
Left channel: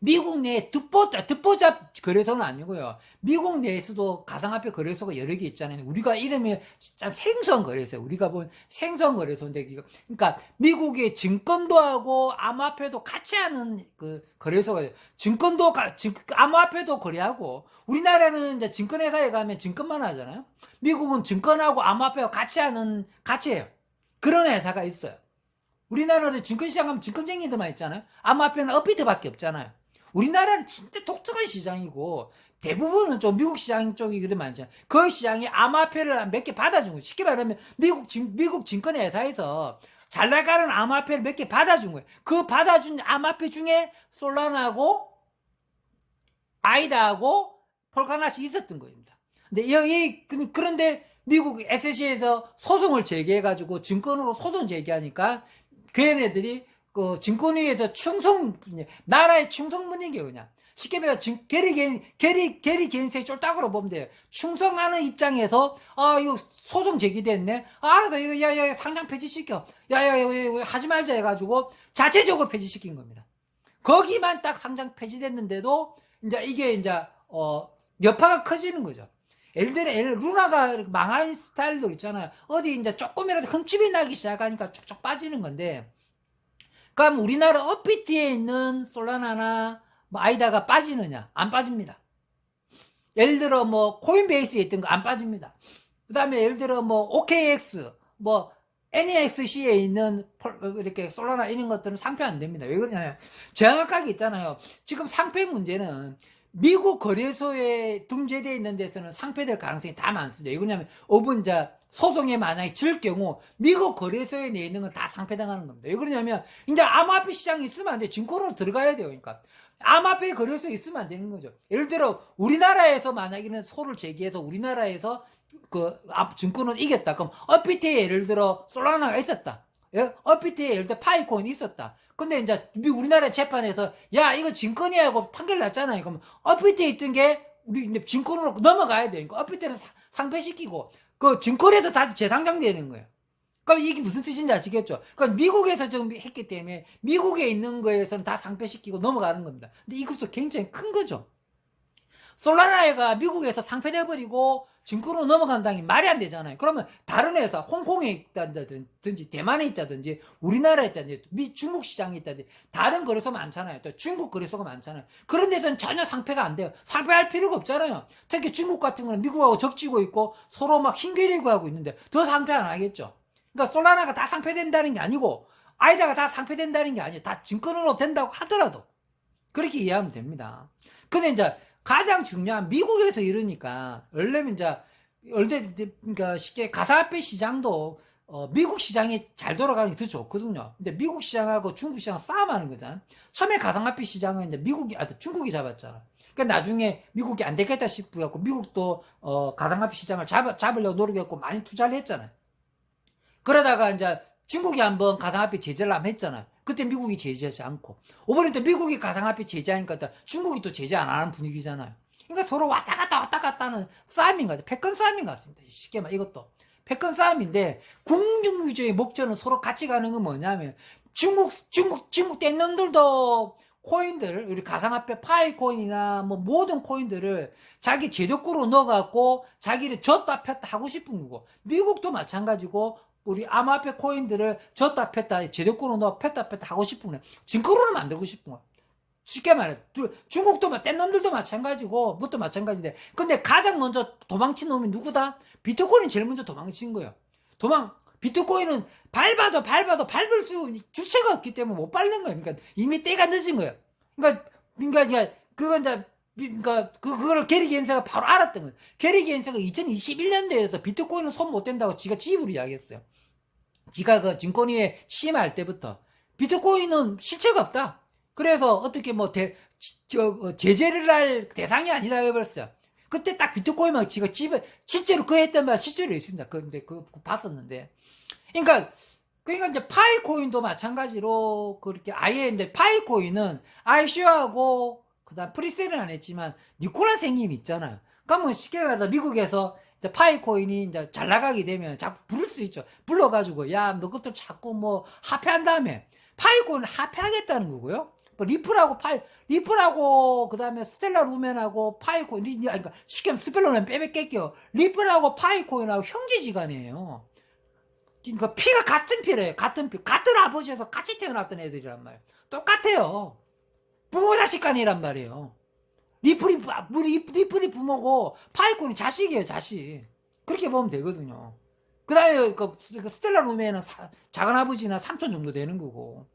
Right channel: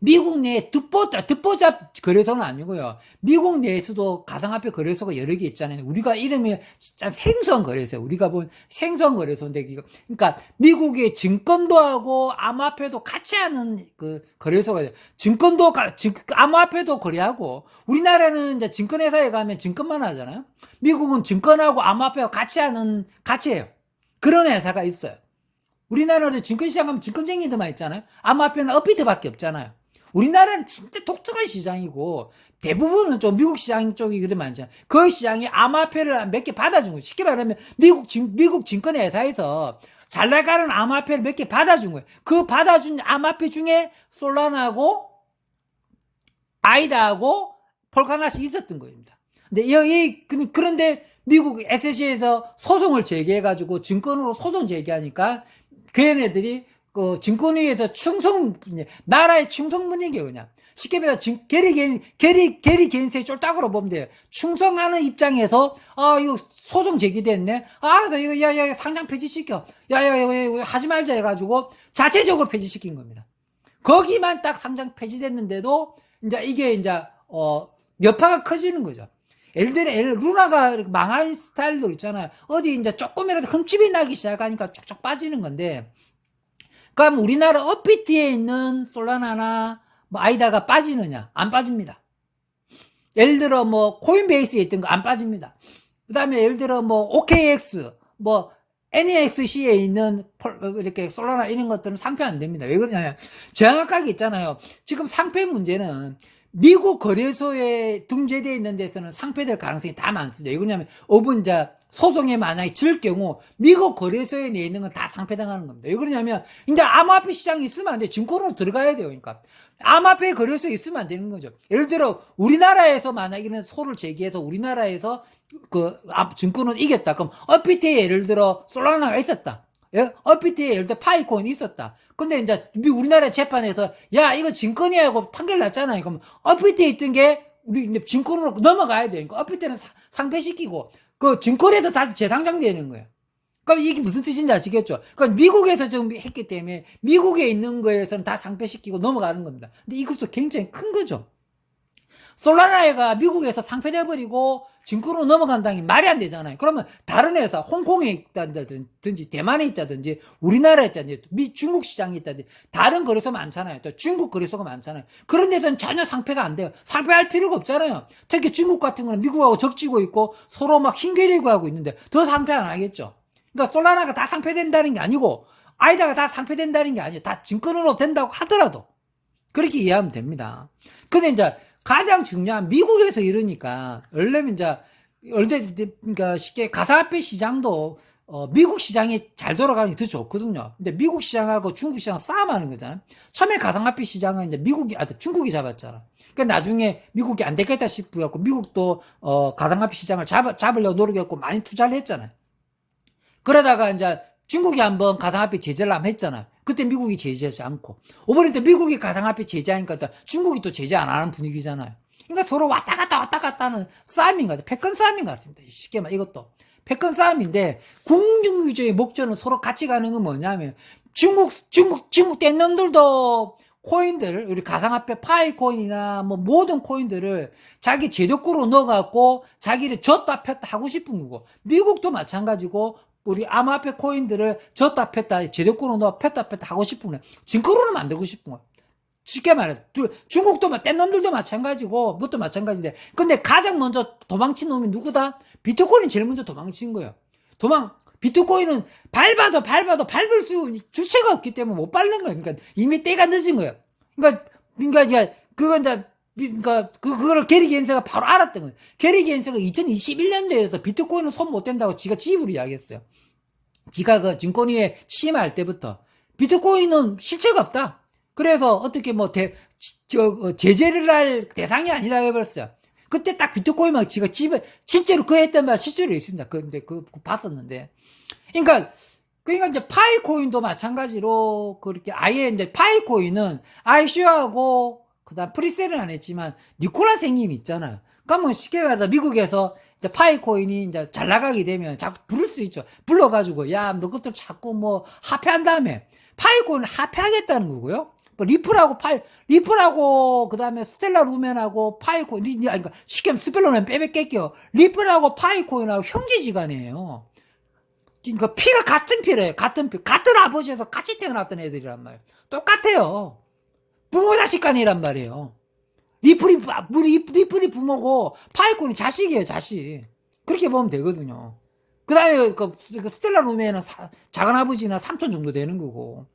미국 내 듣보잡 거래소는 아니고요. 미국 내에서도 가상화폐 거래소가 여러 개 있잖아요. 우리가 이름이 진짜 생소한 거래소예요. 우리가 본 생소한 거래소인데, 그러니까 미국의 증권도 하고 암호화폐도 같이 하는 그 거래소가 증권도 암호화폐도 거래하고, 우리나라는 이제 증권회사에 가면 증권만 하잖아요. 미국은 증권하고 암호화폐와 같이 해요. 그런 회사가 있어요. 우리나라는 증권시장 가면 증권쟁이들만 있잖아요. 암호화폐는 업비트밖에 없잖아요. 우리나라는 진짜 독특한 시장이고, 대부분은 좀 미국 시장 쪽이 그래 많잖아요. 그 시장이 암호화폐를 몇 개 받아준 거예요. 쉽게 말하면 미국 증권회사에서 잘 나가는 암호화폐를 몇 개 받아준 거예요. 그 받아준 암호화폐 중에 솔라나하고 아이다하고 폴카나시 있었던 겁니다. 그런데 미국 SEC에서 소송을 제기해가지고 증권으로 소송 제기하니까 그 얘네들이 그 증권위에서 나라의 충성문이게 그냥. 쉽게 말해서 게리 겐스의 쫄딱으로 보면 돼요. 충성하는 입장에서, 이거 소송 제기됐네. 알아서 이거, 야, 상장 폐지시켜. 야, 하지 말자 해가지고 자체적으로 폐지시킨 겁니다. 거기만 딱 상장 폐지됐는데도, 이게 여파가 커지는 거죠. 예를 들어, 루나가 망할 스타일도 있잖아요. 어디 조금이라도 흠집이 나기 시작하니까 쫙쫙 빠지는 건데, 그럼 우리나라 업비트에 있는 솔라나나 아이다가 빠지느냐? 안 빠집니다. 예를 들어 코인베이스에 있던 거 안 빠집니다. 그 다음에 예를 들어 OKX, NEXC에 있는 이렇게 솔라나 이런 것들은 상패 안 됩니다. 왜 그러냐면 정확하게 있잖아요. 지금 상패 문제는 미국 거래소에 등재되어 있는 데서는 상패될 가능성이 다 많습니다. 왜 그러냐면 소송에 만약에 질 경우 미국 거래소에 내 있는 건 다 상패당하는 겁니다. 왜 그러냐면 이제 암호화폐 시장이 있으면 안 돼. 증권으로 들어가야 돼요. 그러니까 암호화폐 거래소에 있으면 안 되는 거죠. 예를 들어 우리나라에서 만약에는 소를 제기해서 우리나라에서 증권을 이겼다. 그럼 업비트에 예를 들어 솔라나가 있었다. 예? 업비트에 예를 들어 파이콘이 있었다. 근데 이제 우리나라 재판에서 야 이거 증권이 하고 판결 났잖아요. 그럼 업비트에 있던 게 우리 증권으로 넘어가야 돼요. 그러니까 업비트는 상패시키고 그 증권에도 다시 재상장되는 거예요. 그럼 이게 무슨 뜻인지 아시겠죠? 그러니까 미국에서 지금 했기 때문에 미국에 있는 거에서는 다 상패시키고 넘어가는 겁니다. 근데 이것도 굉장히 큰 거죠. 솔라나가 미국에서 상패돼버리고 증권으로 넘어간다는 게 말이 안 되잖아요. 그러면 다른 회사, 홍콩에 있다든지, 대만에 있다든지, 우리나라에 있다든지, 중국 시장에 있다든지, 다른 거래소 많잖아요. 또 중국 거래소가 많잖아요. 그런 데서는 전혀 상패가 안 돼요. 상패할 필요가 없잖아요. 특히 중국 같은 거는 미국하고 적지고 있고 서로 막 힘겨리고 하고 있는데 더 상패 안 하겠죠. 그러니까 솔라나가 다 상패된다는 게 아니고, 아이다가 다 상패된다는 게 아니에요. 다 증권으로 된다고 하더라도. 그렇게 이해하면 됩니다. 근데 이제, 가장 중요한 미국에서 이러니까 원래는 그러니까 쉽게 가상화폐 시장도 미국 시장이 잘 돌아가는 게 더 좋거든요. 근데 미국 시장하고 중국 시장 싸움하는 거잖아요. 처음에 가상화폐 시장은 이제 중국이 잡았잖아. 그러니까 나중에 미국이 안 되겠다 싶어갖고 미국도 가상화폐 시장을 잡으려고 노력했고 많이 투자를 했잖아요. 그러다가 이제 중국이 한번 가상화폐 제재를 한번 했잖아요. 그때 미국이 제재하지 않고. 이번에 또 미국이 가상화폐 제재하니까 또 중국이 또 제재 안 하는 분위기잖아요. 그러니까 서로 왔다 갔다 하는 싸움인 것 같아요. 패권 싸움인 것 같습니다. 쉽게 말 이것도. 패권 싸움인데 공정주의의 목적은 서로 같이 가는 건 뭐냐면 중국 떼놈들도 코인들, 우리 가상화폐 파이코인이나 뭐 모든 코인들을 자기 제도권으로 넣어갖고 자기를 줬다 폈다 하고 싶은 거고, 미국도 마찬가지고 우리 암호화폐 코인들을 줬다 폈다 제도권으로 넣어 폈다 하고 싶은 거예요. 증거로는 만들고 싶은 거예요. 쉽게 말해 중국도 뗀놈들도 마찬가지고 그것도 마찬가지인데, 근데 가장 먼저 도망친 놈이 누구다? 비트코인이 제일 먼저 도망친 거예요. 비트코인은 밟아도 밟을 주체가 없기 때문에 못 밟는 거예요. 그러니까 이미 때가 늦은 거예요. 그거를 게리 겐세가 바로 알았던 거예요. 게리 겐세가 2021년도에도 비트코인은 손 못 댄다고 지가 지입으로 이야기했어요. 지가 그 증권위에 취임할 때부터 비트코인은 실체가 없다. 그래서 어떻게 제재를 할 대상이 아니다 해버렸어요. 그때 딱 비트코인만 지가 실제로 그 했던 말 실제로 있습니다. 근데 그거 봤었는데. 그러니까 이제 파이코인도 마찬가지로 그렇게 아예 이제 파이코인은 ICO하고 그다음 프리셀은 안 했지만 니콜라 생님이 있잖아요. 그러면 쉽게 말해서 미국에서 이제 파이코인이 이제 잘 나가게 되면 자꾸 부를 수 있죠. 불러가지고 야, 너 것들 자꾸 뭐 합해한 다음에 파이코인을 합해하겠다는 거고요. 뭐 리플하고 그다음에 스텔라 루멘하고 파이코인, 그러니까 쉽게 말하면 스펠러는 빼뺄게요. 리플하고 파이코인하고 형제지간이에요. 그러니까 피가 같은 피래. 같은 아버지에서 같이 태어났던 애들이란 말이에요. 똑같아요. 부모 자식 간이란 말이에요. 리플이 부모고 파이콘이 자식이에요, 자식. 그렇게 보면 되거든요. 그 다음에 그 스텔라 루멘은 작은 아버지나 삼촌 정도 되는 거고.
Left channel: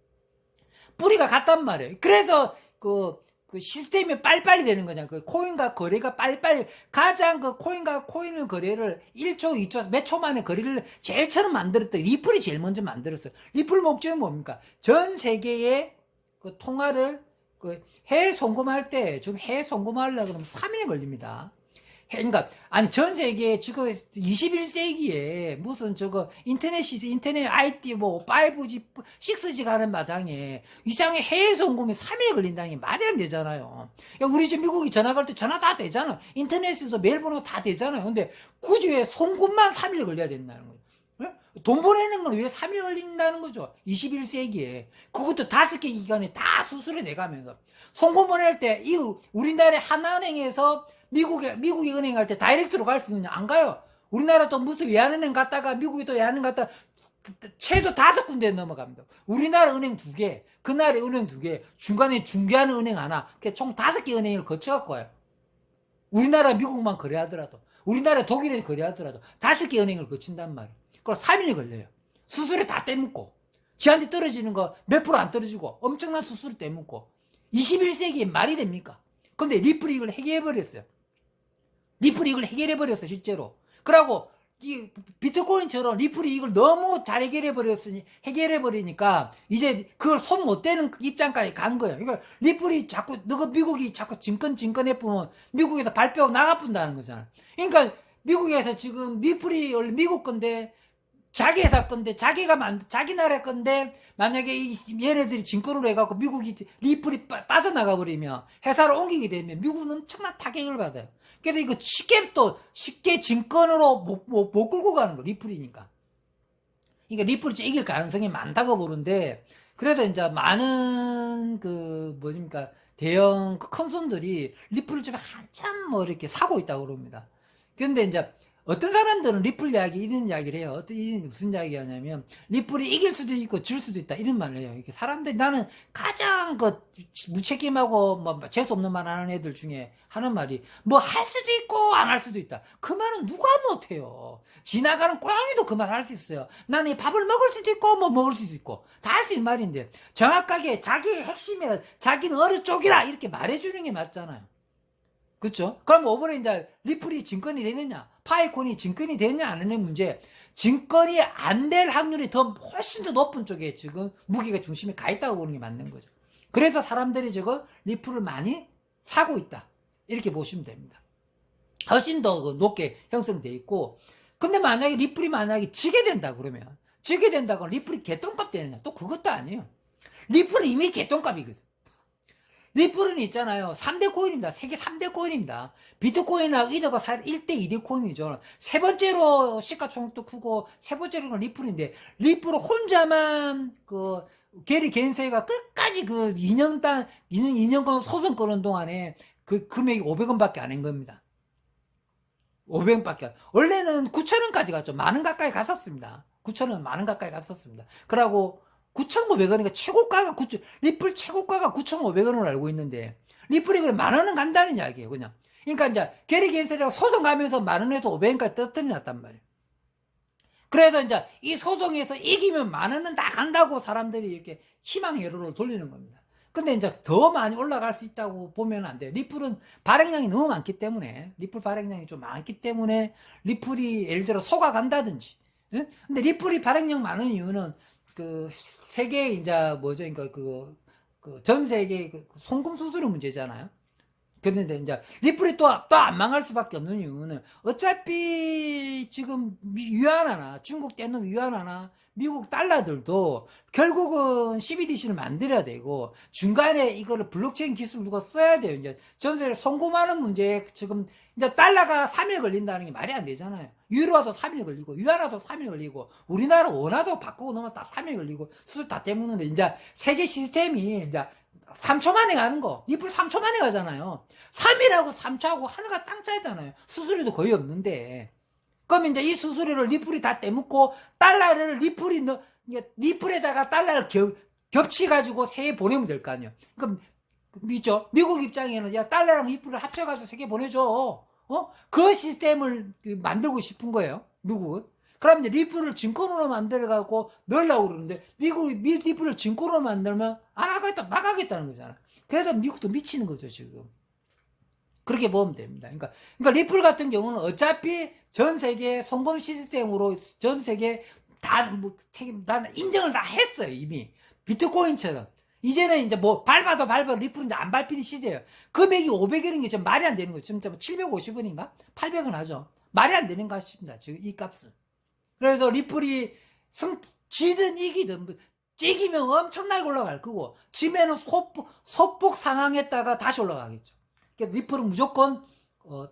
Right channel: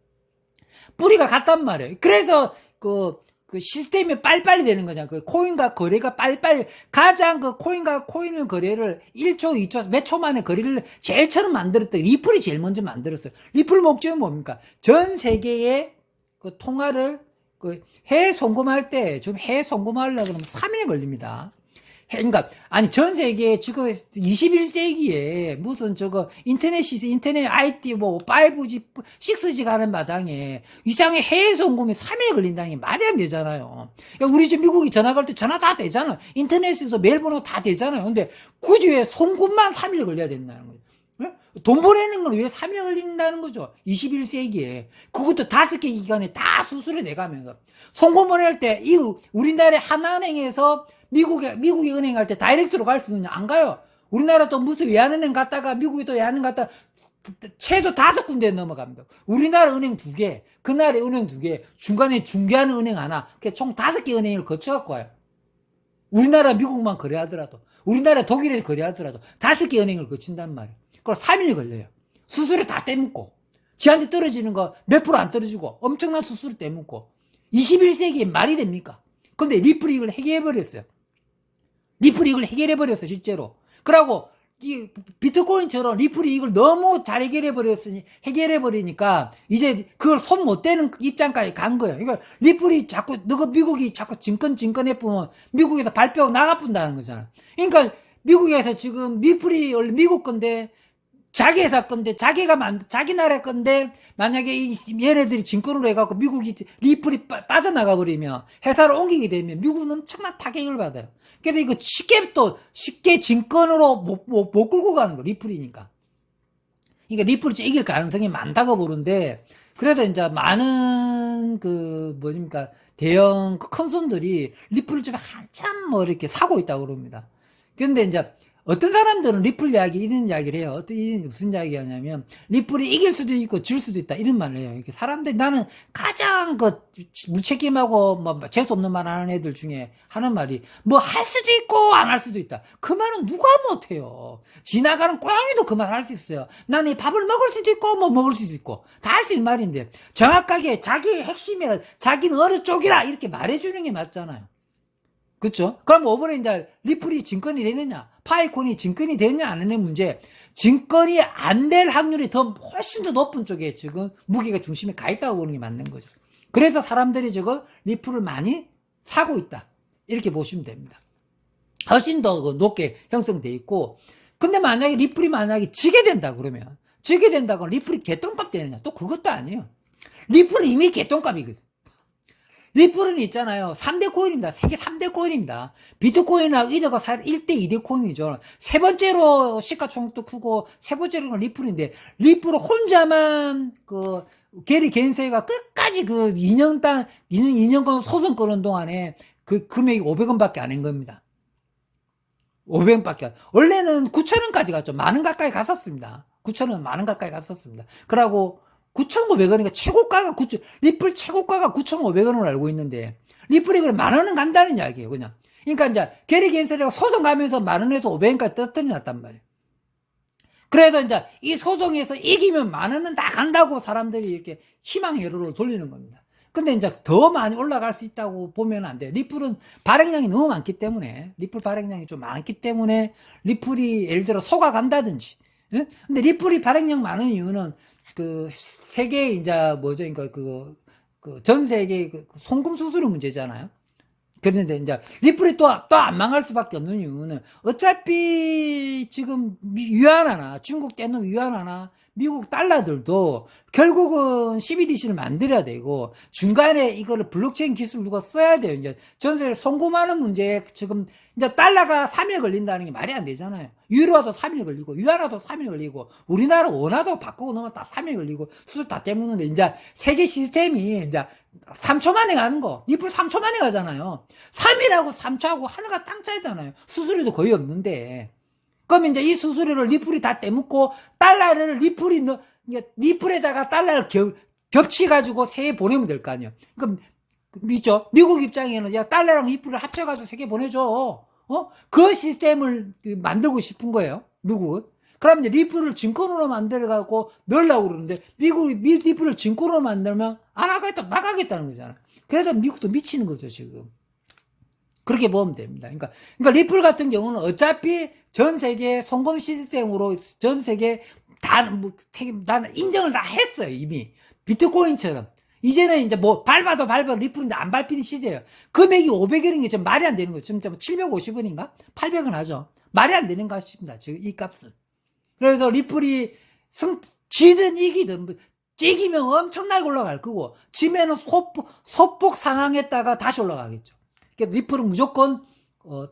뿌리가 같단 말이에요. 그래서 그 시스템이 빨리빨리 되는 거잖아. 그 코인과 거래가 빨리빨리, 가장 그 코인과 코인을 거래를 1초, 2초, 몇 초 만에 거래를 제일 처음 만들었던 리플이 제일 먼저 만들었어요. 리플 목적은 뭡니까? 전 세계의 그 통화를 해외 송금할 때, 좀 해외 송금하려고 그러면 3일 걸립니다. 그러니까 아니 전 세계 지금 21세기에 무슨 인터넷 IT 뭐 5G, 6G 가는 마당에 이상의 해외 송금이 3일 걸린다는 게 말이 안 되잖아요. 그러니까 우리 집 미국이 전화 걸 때 전화 다 되잖아. 인터넷에서 메일 번호 다 되잖아요. 근데 굳이 왜 송금만 3일 걸려야 된다는 거예요. 돈 보내는 건 왜 3일 걸린다는 거죠? 21세기에. 그것도 5개 기관에 다 수수료 내가면서. 송금 보낼 때, 우리나라의 하나은행에서 미국에 은행 갈 때 다이렉트로 갈 수 있느냐? 안 가요. 우리나라 또 무슨 외환은행 갔다가 미국에 또 외환은행 갔다가 최소 5군데 넘어갑니다. 우리나라 은행 2개, 그 나라의 은행 2개, 중간에 중개하는 은행 하나, 총 5개 은행을 거쳐갖고 와요. 우리나라 미국만 거래하더라도, 우리나라 독일에 거래하더라도 5개 은행을 거친단 말이에요. 그걸 3일 걸려요. 수수료 다 떼묻고, 지한테 떨어지는 거 몇 프로 안 떨어지고, 엄청난 수수료 떼묻고, 21세기에 말이 됩니까? 근데 리플이 이걸 해결해버렸어요. 실제로. 그러고, 이 비트코인처럼 리플이 이걸 너무 잘 해결해버리니까, 이제 그걸 손 못 대는 입장까지 간 거예요. 그러니까 리플이 자꾸, 미국이 자꾸 증권해보면 미국에서 발표하고 나가뿐다는 거잖아. 그러니까 미국에서 지금 리플이 원래 미국 건데, 자기 회사 건데, 자기 나라 건데, 만약에 얘네들이 증권으로 해갖고 미국이 리플이 빠져나가 버리면, 회사를 옮기게 되면 미국은 엄청난 타격을 받아요. 그래서 이거 쉽게 증권으로 못 끌고 가는 거, 리플이니까. 그러니까 리플이 이길 가능성이 많다고 보는데, 그래서 이제 많은 대형 큰 손들이 리플을 좀 한참 이렇게 사고 있다고 그럽니다. 그런데 이제 어떤 사람들은 리플 이런 이야기를 해요. 무슨 이야기 하냐면, 리플이 이길 수도 있고 질 수도 있다. 이런 말을 해요. 이렇게 사람들이, 나는 가장 무책임하고 재수없는 말 하는 애들 중에 하는 말이, 할 수도 있고 안 할 수도 있다. 그 말은 누가 못해요. 지나가는 고양이도 그 말 할 수 있어요. 나는 밥을 먹을 수도 있고, 먹을 수도 있고. 다 할 수 있는 말인데, 정확하게 자기의 핵심이라, 자기는 어느 쪽이라, 이렇게 말해주는 게 맞잖아요. 그쵸? 그럼 이번에 이제 리플이 증권이 되느냐, 파이콘이 증권이 되느냐 안 되는 문제. 증권이 안 될 확률이 훨씬 더 높은 쪽에 지금 무게가 중심에 가 있다고 보는 게 맞는 거죠. 그래서 사람들이 지금 리플을 많이 사고 있다. 이렇게 보시면 됩니다. 훨씬 더 높게 형성돼 있고, 근데 만약에 리플이 만약에 지게 된다 그러면, 지게 된다고 리플이 개똥값 되느냐? 또 그것도 아니에요. 리플은 이미 개똥값이거든. 리플은 있잖아요. 3대 코인입니다. 세계 3대 코인입니다. 비트코인하고 이더가 1대 2대 코인이죠. 세 번째로 시가총액도 크고, 세 번째로는 리플인데, 리플은 혼자만 게리 겐세이가 끝까지 2년간 소송 거는 동안에 그 금액이 500원밖에 안 한 겁니다. 500원밖에. 원래는 9,000원까지 갔죠. 만원 가까이 갔었습니다. 9,000원, 만원 가까이 갔었습니다. 그러고 9,500원이니까 최고가가 리플 최고가가 9,500원으로 알고 있는데, 리플이 그래 만원은 간다는 이야기예요, 그냥. 그러니까 이제 게리 겐세이가 소송 가면서 만원에서 500원까지 떨어뜨렸단 말이에요. 그래서 이제 이 소송에서 이기면 만원은 다 간다고 사람들이 이렇게 희망회로를 돌리는 겁니다. 근데 이제 더 많이 올라갈 수 있다고 보면 안 돼요. 리플은 발행량이 너무 많기 때문에, 리플 발행량이 좀 많기 때문에, 리플이 예를 들어 속아간다든지. 응? 근데 리플이 발행량 많은 이유는 세계 이제 뭐죠? 그러니까 전 세계 송금 수수료 문제잖아요. 그런데 이제 리플이 또 안 망할 수밖에 없는 이유는 어차피 지금 위안화나 중국 떼놓은 위안화나 미국 달러들도 결국은 CBDC를 만들어야 되고, 중간에 이거를 블록체인 기술 누가 써야 돼요. 이제 전 세계를 송금하는 문제에 지금 이제 달러가 3일 걸린다는 게 말이 안 되잖아요. 유로화도 3일 걸리고, 위안화도 3일 걸리고, 우리나라 원화도 바꾸고 넣으면 다 3일 걸리고, 수술 다 떼먹는데, 이제 세계 시스템이 이제 3초 만에 가는 거. 리플 3초 만에 가잖아요. 3일하고 3초하고 하나가 땅 차이잖아요. 수수료도 거의 없는데. 그럼 이제 이 수수료를 리플이 다 떼먹고, 달러를 리플에다가 달러를 겹치가지고 세계 보내면 될 거 아니에요. 그럼, 있죠? 미국 입장에는, 야, 달러랑 리플을 합쳐가지고 세계 보내줘. 그 시스템을 만들고 싶은 거예요. 미국은. 그럼 이제 리플을 증권으로 만들어가고 넣으려고 그러는데, 미국이 리플을 증권으로 만들면 안 하겠다, 나가겠다는 거잖아. 그래서 미국도 미치는 거죠, 지금. 그렇게 보면 됩니다. 그러니까 리플 같은 경우는 어차피 전 세계 송금 시스템으로 전 세계 다 인정을 다 했어요, 이미. 비트코인처럼. 이제는 이제 밟아도 리플인데 안 밟히는 시대예요. 금액이 500원인 게 지금 말이 안 되는 거예요. 지금 750원인가? 800원 하죠. 말이 안 되는 것 같습니다. 지금 이 값은. 그래서 리플이 지든 이기든, 이기면 엄청나게 올라갈 거고, 지면은 소폭 상황했다가 다시 올라가겠죠. 그러니까 리플은 무조건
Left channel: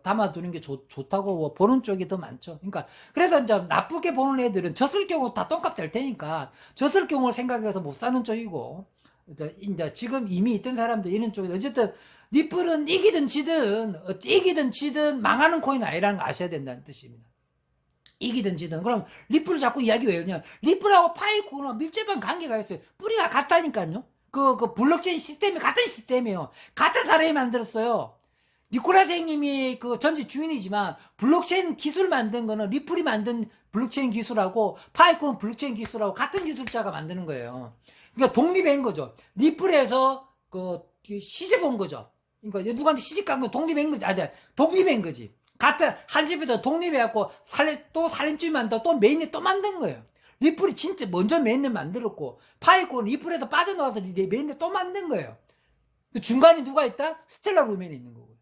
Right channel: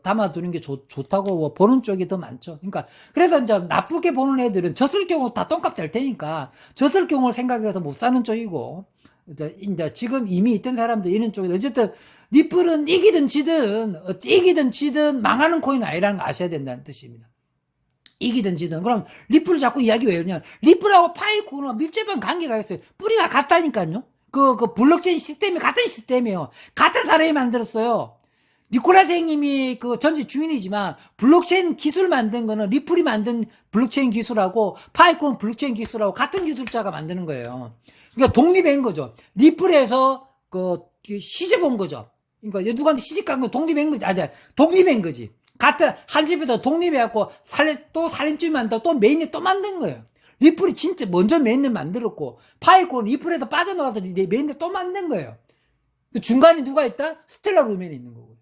담아두는 게 좋다고 보는 쪽이 더 많죠. 그러니까 그래서 이제 나쁘게 보는 애들은 졌을 경우 다 똥값 될 테니까 졌을 경우를 생각해서 못 사는 쪽이고, 이제 지금 이미 있던 사람들 이런 쪽이 어쨌든 리플은 이기든 지든 망하는 코인 아니라는 거 아셔야 된다는 뜻입니다. 이기든 지든. 그럼 리플을 자꾸 이야기 왜 하냐? 리플하고 파이콘은 밀접한 관계가 있어요. 뿌리가 같다니까요. 블록체인 시스템이 같은 시스템이에요. 같은 사람이 만들었어요. 니콜라 선생님이 전지 주인이지만, 블록체인 기술 만든 거는 리플이 만든 블록체인 기술하고 파이콘 블록체인 기술하고 같은 기술자가 만드는 거예요. 그러니까 독립한 거죠. 리플에서 시집 온 거죠. 그러니까 누구한테 시집 간 거 독립한 거지. 독립한 거지. 같은 한 집에서 독립해갖고 또 살림집 만들고 또 메인에 또 만든 거예요. 리플이 진짜 먼저 메인을 만들었고, 파이콘 리플에서 빠져나와서 메인에 또 만든 거예요. 중간에 누가 있다? 스텔라 루멘이 있는 거고요.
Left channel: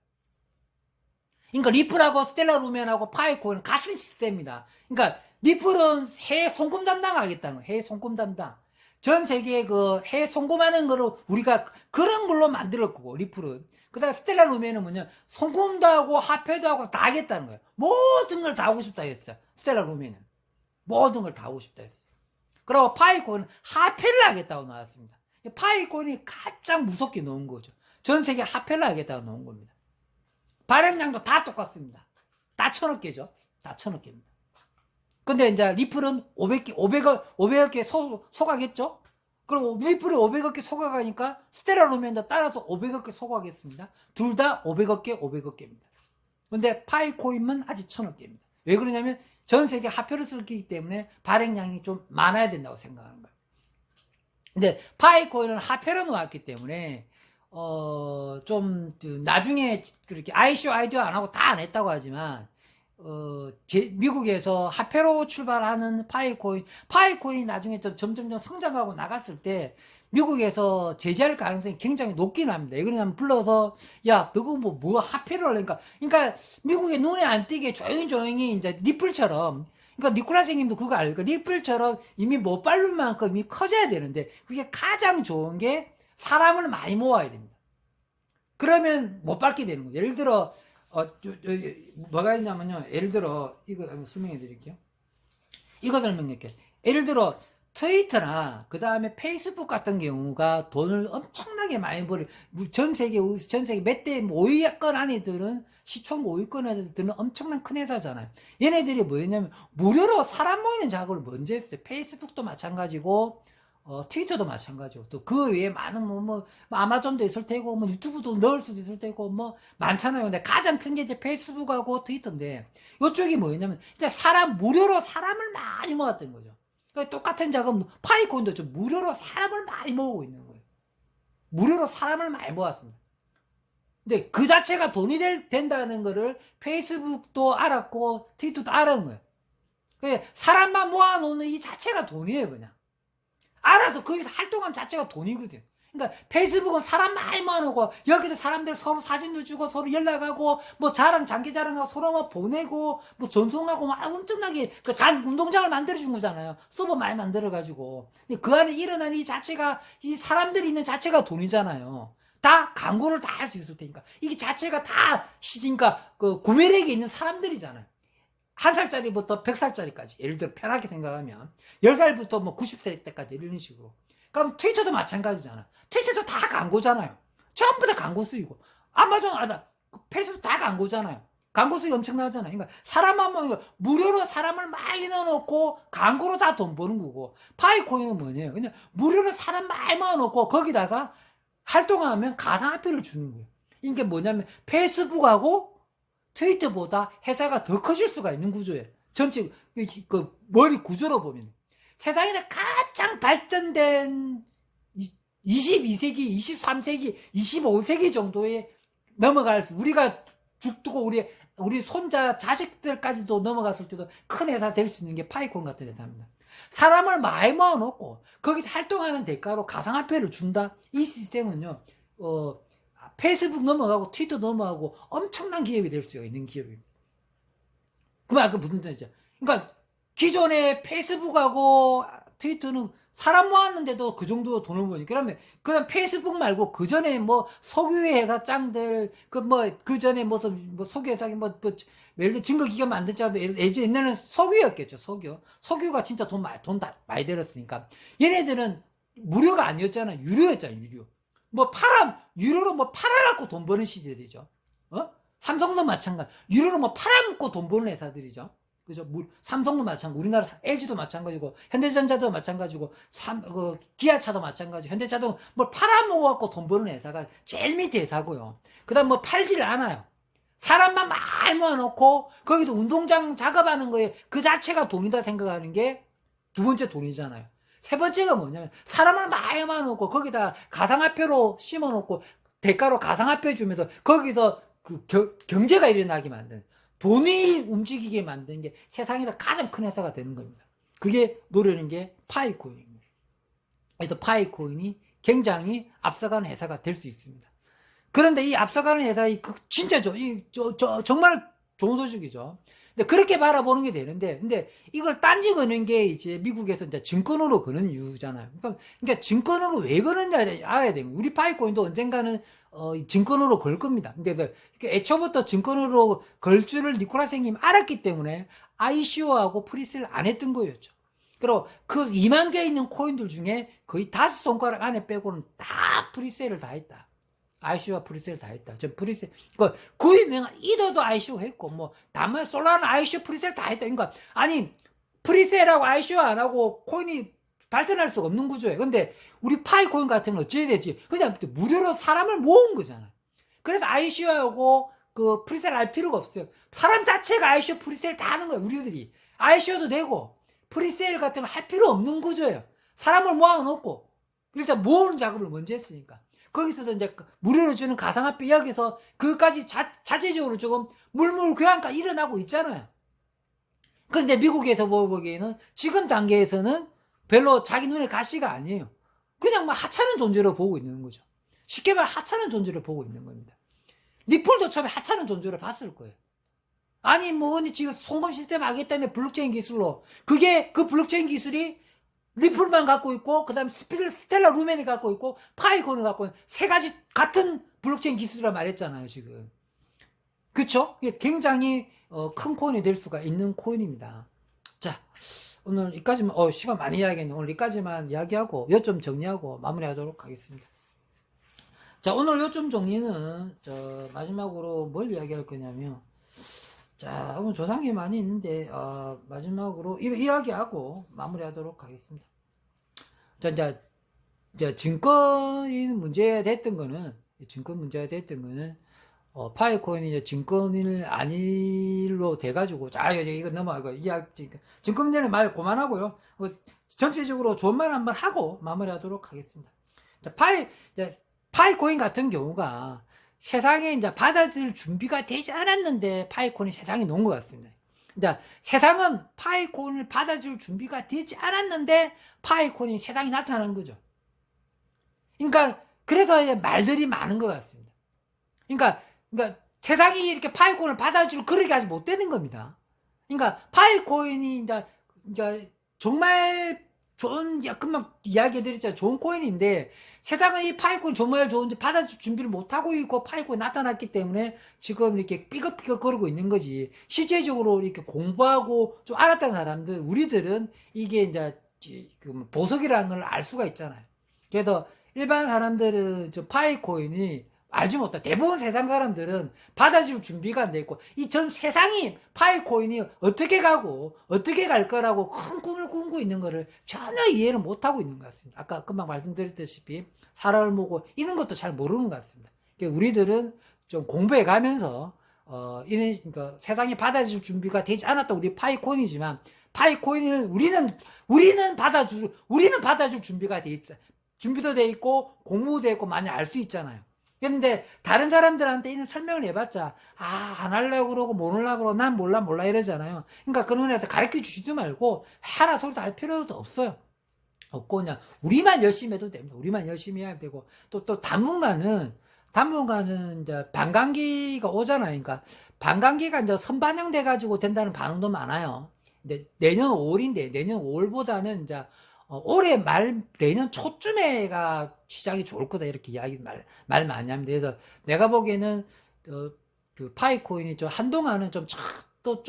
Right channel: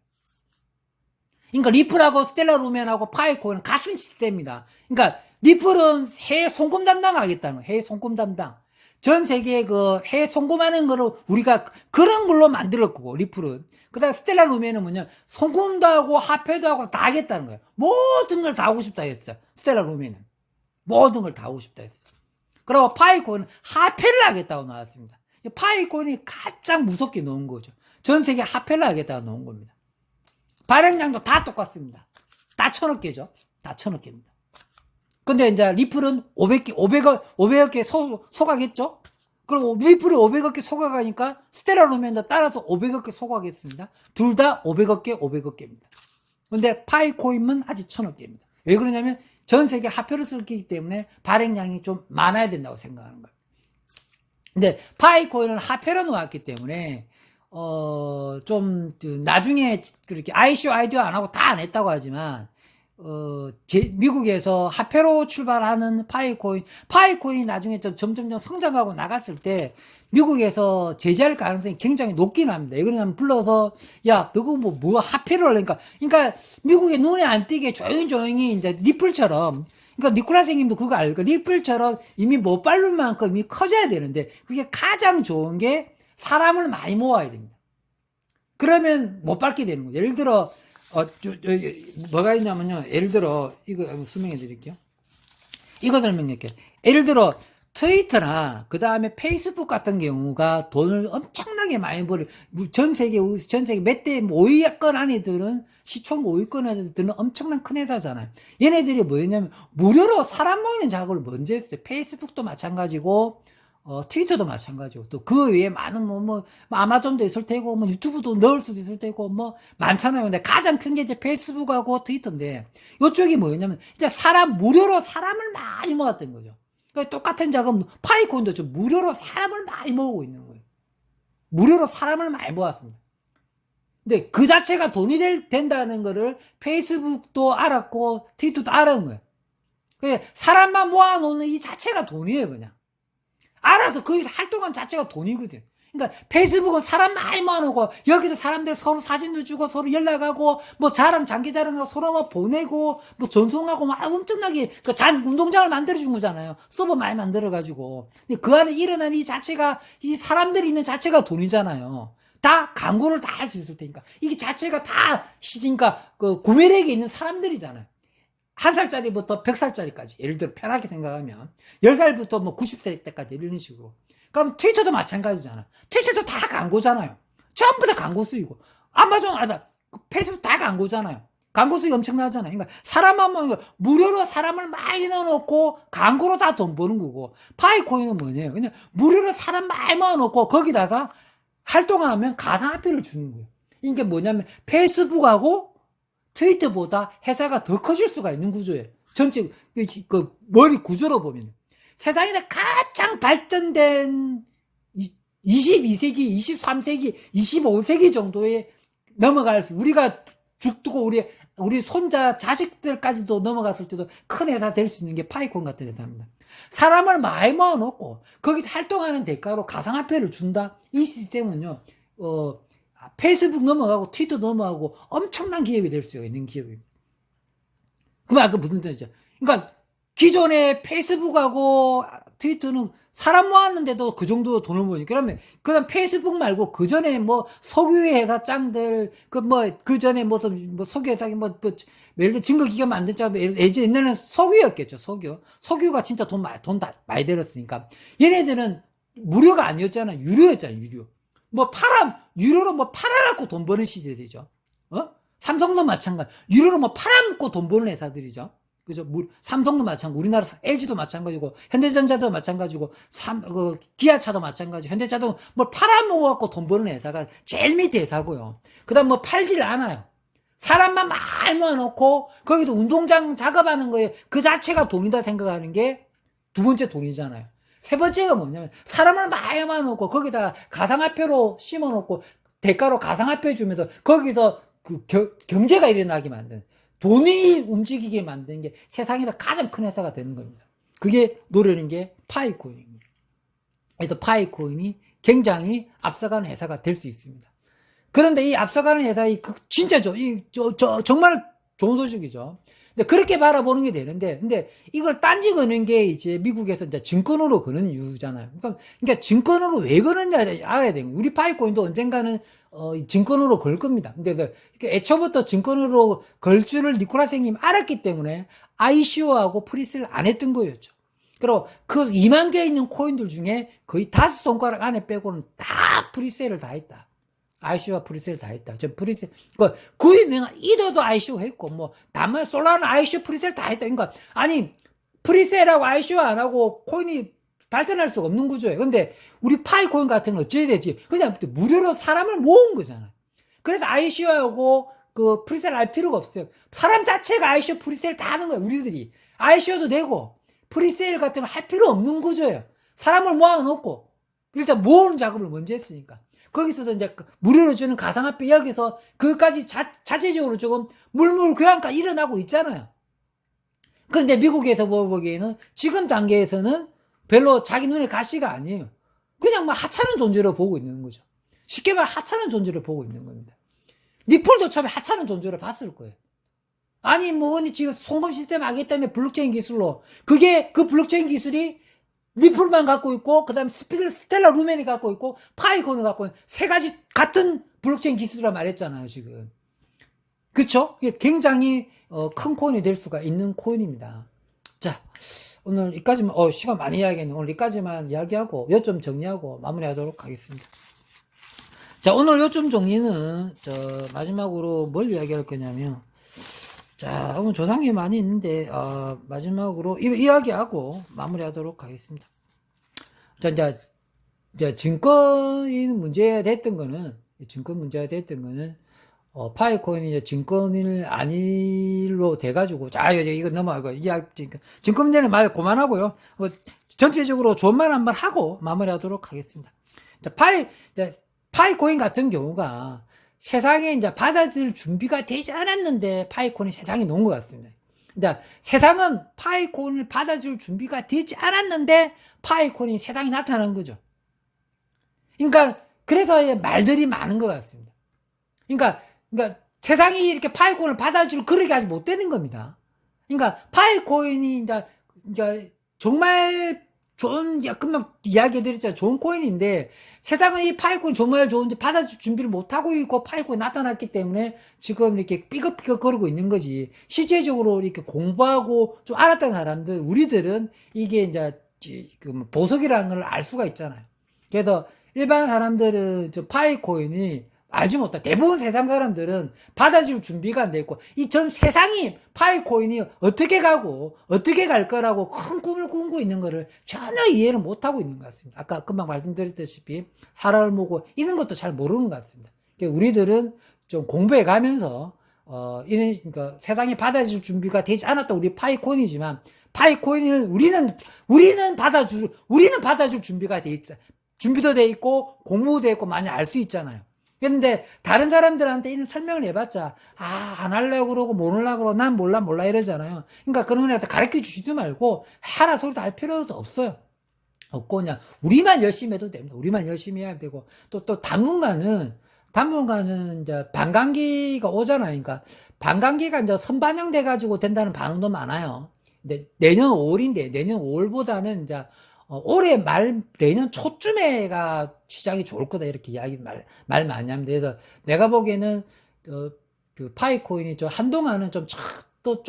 그러니까 리플하고 스텔라 루멘하고 파이콘은 같은 시스템입니다. 그러니까 리플은 해외 송금 담당하겠다는 거예요. 해외 송금 담당. 전 세계에 해외 송금하는 거를 우리가 그런 걸로 만들었고, 리플은. 그 다음에 스텔라 루멘은 뭐냐, 송금도 하고 화폐도 하고 다 하겠다는 거예요. 모든 걸 다 하고 싶다 했어요. 스텔라 루멘은. 모든 걸 다 하고 싶다 했어요. 그리고 파이콘은 화폐를 하겠다고 나왔습니다. 파이콘이 가장 무섭게 놓은 거죠. 전 세계 화폐를 하겠다고 놓은 겁니다. 발행량도 다 똑같습니다. 다 1,000억 개죠. 다 1,000억 개입니다. 근데 이제 리플은 500억 개 소각했죠? 그럼 리플이 500억 개 소각하니까 스텔라 루멘도 따라서 500억 개 소각했습니다. 둘 다 500억 개, 500억 개입니다. 근데 파이코인은 아직 1,000억 개입니다. 왜 그러냐면 전 세계 화폐를 쓰기 때문에 발행량이 좀 많아야 된다고 생각하는 거예요. 근데 파이코인은 화폐로 놓았기 때문에 좀 나중에 그렇게 ICO 아이디어 안 하고 다 안 했다고 하지만, 미국에서 화폐로 출발하는 파이코인이 나중에 점점점 성장하고 나갔을 때 미국에서 제재할 가능성이 굉장히 높긴 합니다. 이거는 불러서 야 너거 뭐 화폐로 하려니까 그러니까 미국의 눈에 안 띄게 조용히 이제 리플처럼 그러니까 니콜라 선생님도 그거 알고 리플처럼 이미 못 밟을 만큼 이미 커져야 되는데 그게 가장 좋은 게 사람을 많이 모아야 됩니다. 그러면 못 밟게 되는 거예요. 예를 들어 뭐가 있냐면요. 예를 들어 이거 한번 설명해 드릴게요. 이거 설명할게요. 예를 들어 트위터나 그 다음에 페이스북 같은 경우가 돈을 엄청나게 많이 벌어 전 세계 몇 대 5위권 안에들은 시총 5위권 안에들은 엄청난 큰 회사잖아요. 얘네들이 뭐였냐면 무료로 사람 모이는 작업을 먼저 했어요. 페이스북도 마찬가지고 트위터도 마찬가지고 또 그 외에 많은 뭐 아마존도 있을 테고 뭐 유튜브도 넣을 수도 있을 테고 뭐 많잖아요. 근데 가장 큰 게 이제 페이스북하고 트위터인데 이쪽이 뭐였냐면 이제 무료로 사람을 많이 모았던 거죠. 그러니까 똑같은 작업 파이콘도 좀 무료로 사람을 많이 모으고 있는 거예요. 무료로 사람을 많이 모았습니다. 근데 그 자체가 돈이 된다는 거를 페이스북도 알았고 트위터도 알은 거예요. 사람만 모아놓는 이 자체가 돈이에요, 그냥. 알아서 거기서 활동한 자체가 돈이거든. 그러니까 페이스북은 사람 많이 모아놓고 여기서 사람들 서로 사진도 주고 서로 연락하고 뭐 장기 자랑하고 서로 뭐 보내고 뭐 전송하고 막 엄청나게 운동장을 만들어준 거잖아요. 서버 많이 만들어가지고. 그 안에 일어난 이 자체가 이 사람들이 있는 자체가 돈이잖아요. 다 광고를 다 할 수 있을 테니까 이게 자체가 다 시니까 그 구매력이 있는 사람들이잖아요. 1살짜리부터 100살짜리까지 예를 들어 편하게 생각하면 10살부터 뭐 90세 때까지 이런 식으로. 그럼 트위터도 마찬가지잖아. 트위터도 다 광고잖아요. 전부 다 광고 수익이고 아마존 페이스북 다 광고잖아요. 광고 수익 엄청나잖아요. 그러니까 사람만 뭐 무료로 사람을 많이 넣어놓고 광고로 다 돈 버는 거고 파이코인은 뭐냐면 그냥 무료로 사람 많이 모아놓고 거기다가 활동하면 가상화폐를 주는 거예요. 이게 뭐냐면 페이스북하고 트위터보다 회사가 더 커질 수가 있는 구조예요. 전체 그 머리 구조로 보면 세상에 가장 발전된 22세기, 23세기, 25세기 정도에 넘어갈 수 우리가 죽고 우리 손자 자식들까지도 넘어갔을 때도 큰 회사 될 수 있는 게 파이콘 같은 회사입니다. 사람을 많이 모아놓고 거기 활동하는 대가로 가상화폐를 준다. 이 시스템은요. 페이스북 넘어가고 트위터 넘어가고 엄청난 기업이 될 수 있는 기업입니다. 그럼 그 무슨 뜻이죠? 그러니까 기존의 페이스북하고 트위터는 사람 모았는데도 그 정도 돈을 버니까 그다음 페이스북 말고 그 전에 뭐 석유회 회사 짱들 그 전에 뭐 석유 회사 예를 들어 증거기관 만들자면 옛날에는 석유였겠죠. 석유가 진짜 돈 많이 들었으니까 얘네들은 무료가 아니었잖아. 유료였잖아. 유료. 유료로 팔아갖고 돈 버는 시대들이죠. 삼성도 마찬가지. 유료로 팔아먹고 돈 버는 회사들이죠. 그죠? 삼성도 마찬가지. 우리나라 LG도 마찬가지고, 현대전자도 마찬가지고, 기아차도 마찬가지. 현대차도 팔아먹어갖고 돈 버는 회사가 제일 밑에 회사고요. 그 다음 팔질 않아요. 사람만 많이 모아놓고, 거기도 운동장 작업하는 거에 그 자체가 돈이다 생각하는 게 두 번째 돈이잖아요. 세 번째가 뭐냐면 사람을 많이 모아놓고 거기다 가상화폐로 심어놓고 대가로 가상화폐 주면서 거기서 그 경제가 일어나게 만드는 돈이 움직이게 만드는 게 세상에서 가장 큰 회사가 되는 겁니다. 그게 노려는 게 파이코인입니다. 그래서 파이코인이 굉장히 앞서가는 회사가 될 수 있습니다. 그런데 이 앞서가는 회사의 진짜 정말 좋은 소식이죠. 근데 그렇게 바라보는 게 되는데, 근데 이걸 딴지 거는 게 이제 미국에서 이제 증권으로 거는 이유잖아요. 그러니까 증권으로 왜 거는지 알아야 돼요. 우리 파이코인도 언젠가는 증권으로 걸 겁니다. 근데 애초부터 증권으로 걸 줄을 니콜라 선생님이 알았기 때문에 ICO하고 프리세일 안 했던 거였죠. 그리고 그 2만 개 있는 코인들 중에 거의 5손가락 안에 빼고는 다 프리세일을 다 했다. ICO와 프리세일 다 했다. 프리세일, 그 유명한 이더도 ICO 했고, 솔라는 ICO 프리세일 다 했다. 그러니까, 프리세일하고 ICO 안 하고 코인이 발전할 수가 없는 구조예요. 근데, 우리 파이코인 같은 건 어찌해야 되지? 그냥 무료로 사람을 모은 거잖아. 그래서 ICO하고 프리세일 할 필요가 없어요. 사람 자체가 ICO 프리세일 다 하는 거예요, 우리들이. ICO도 되고, 프리세일 같은 거 할 필요 없는 구조예요. 사람을 모아놓고, 일단 모으는 작업을 먼저 했으니까. 거기서도 이제 무료로 주는 가상화폐 여기서 그것까지 자체적으로 조금 물물 교환가 일어나고 있잖아요. 그런데 미국에서 보기에는 지금 단계에서는 별로 자기 눈에 가시가 아니에요. 그냥 뭐 하찮은 존재로 보고 있는 거죠. 쉽게 말해 하찮은 존재로 보고 있는 겁니다. 리플도 처음에 하찮은 존재로 봤을 거예요. 아니 뭐 지금 송금 시스템 하겠다며 블록체인 기술로 그 블록체인 기술이 리플만 갖고 있고 그다음에 스텔라 루멘이 갖고 있고 파이콘을 갖고 있는 세 가지 같은 블록체인 기술이라 말했잖아요 지금. 그쵸? 이게 굉장히 큰 코인이 될 수가 있는 코인입니다. 자, 오늘 여기까지만 시간 많이 이야기했네. 오늘 여기까지만 이야기하고 요점 정리하고 마무리하도록 하겠습니다. 자, 오늘 요점 정리는 마지막으로 뭘 이야기할 거냐면, 자, 오늘 조상이 많이 있는데 마지막으로 이야기하고 마무리하도록 하겠습니다. 자, 이제 증권이 문제가 됐던 거는 파이코인이 이제 증권일 아닐로 돼가지고, 자, 이거 넘어가고, 증권 문제는 말 그만하고요. 전체적으로 좋은 말 한번 하고 마무리하도록 하겠습니다. 자, 파이코인 같은 경우가 세상에 이제 받아줄 준비가 되지 않았는데 파이코인이 세상에 놓은 것 같습니다. 그러니까 세상은 파이코인을 받아줄 준비가 되지 않았는데 파이코인이 세상에 나타난 거죠. 그러니까 그래서 말들이 많은 것 같습니다. 그러니까 세상이 이렇게 파이코인을 받아줄 그릇이 아직 못 되는 겁니다. 그러니까 파이코인이 이제 정말 좋은, 금방 이야기해드렸잖아요. 좋은 코인인데 세상은 이 파이코인 정말 좋은데 받아줄 준비를 못하고 있고 파이코인이 나타났기 때문에 지금 이렇게 삐걱삐걱 거리고 있는 거지. 실제적으로 이렇게 공부하고 좀 알았던 사람들, 우리들은 이게 이제 보석이라는 걸 알 수가 있잖아요. 그래서 일반 사람들은 파이코인이 알지 못해. 대부분 세상 사람들은 받아줄 준비가 안 돼 있고, 이 전 세상이 파이코인이 어떻게 가고, 어떻게 갈 거라고 큰 꿈을 꾸고 있는 거를 전혀 이해를 못하고 있는 것 같습니다. 아까 금방 말씀드렸다시피, 사람을 보고, 이런 것도 잘 모르는 것 같습니다. 우리들은 좀 공부해 가면서, 그러니까 세상이 받아줄 준비가 되지 않았다. 우리 파이코인이지만, 파이코인을 우리는 받아줄 준비가 돼 있죠. 준비도 돼 있고, 공부도 돼 있고, 많이 알 수 있잖아요. 그런데 다른 사람들한테 이런 설명을 해봤자 안 하려고 그러고 모르려고 그러고 난 몰라 이러잖아요. 그러니까 그런 애한테 가르쳐 주지도 말고 하라 소리도 할 필요도 없어요. 없고 그냥 우리만 열심히 해도 됩니다. 우리만 열심히 해야 되고 또 당분간은 이제 반감기가 오잖아요. 그러니까 반감기가 이제 선반영돼 가지고 된다는 반응도 많아요. 근데 내년 5월인데 내년 5월보다는 이제 올해 내년 초쯤에가 시장이 좋을 거다, 이렇게 말 많이 합니다. 그래서 내가 보기에는, 그 파이코인이 한동안은 좀 더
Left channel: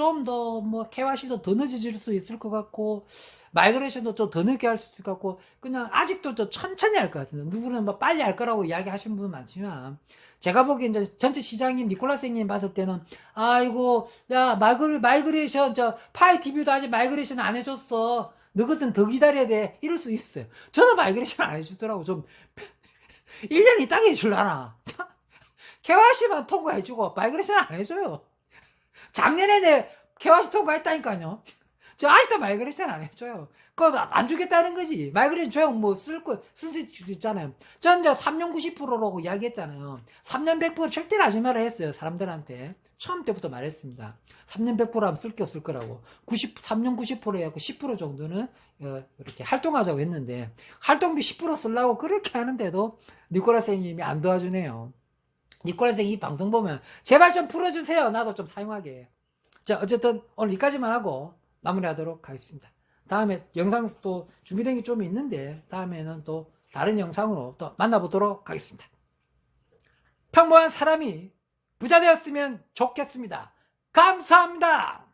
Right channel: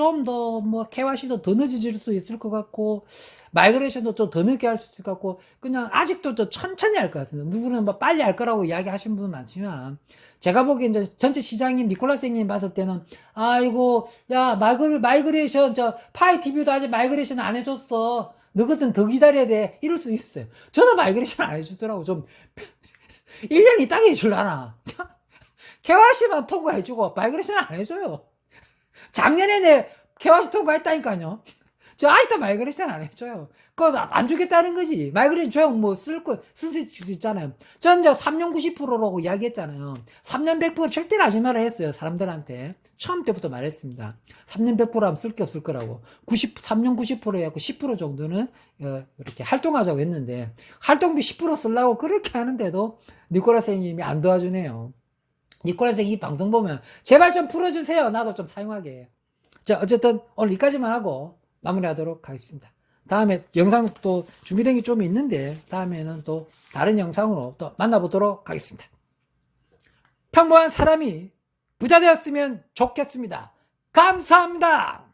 KYC도 더 늦어질 수 있을 것 같고, 마이그레이션도 좀 더 늦게 할 수 있을 것 같고, 그냥 아직도 천천히 할 것 같습니다. 누구는 빨리 할 거라고 이야기 하시는 분은 많지만, 제가 보기엔 전체 시장님, 니콜라스님 봤을 때는, 아이고, 야, 마이그레이션, 파이TV도 아직 마이그레이션 안 해줬어. 너거든 더 기다려야 돼. 이럴 수 있어요. 저는 마이그레이션 안 해주더라고. 1년 있다가 해줄라나. KYC만 통과해주고, 마이그레이션 안 해줘요. 작년에 내 KYC 통과했다니까요. 저 아직도 마이그레이션 안 해줘요. 그거 안 주겠다는 거지. 마이그레이션 조용 쓸 수 있잖아요. 전 3년 90%라고 이야기했잖아요. 3년 100% 절대로 하지 말라 했어요. 사람들한테. 처음 때부터 말했습니다. 3년 100%하면 쓸 게 없을 거라고. 3년 90% 해갖고 10% 정도는, 이렇게 활동하자고 했는데, 활동비 10% 쓰려고 그렇게 하는데도, 니콜라 선생님이 안 도와주네요. 니콜라 선생님 이 방송 보면, 제발 좀 풀어주세요. 나도 좀 사용하게. 자, 어쨌든, 오늘 여기까지만 하고, 마무리하도록 하겠습니다. 다음에 영상 또 준비된 게 좀 있는데, 다음에는 또 다른 영상으로 또 만나보도록 하겠습니다. 평범한 사람이 부자 되었으면 좋겠습니다. 감사합니다.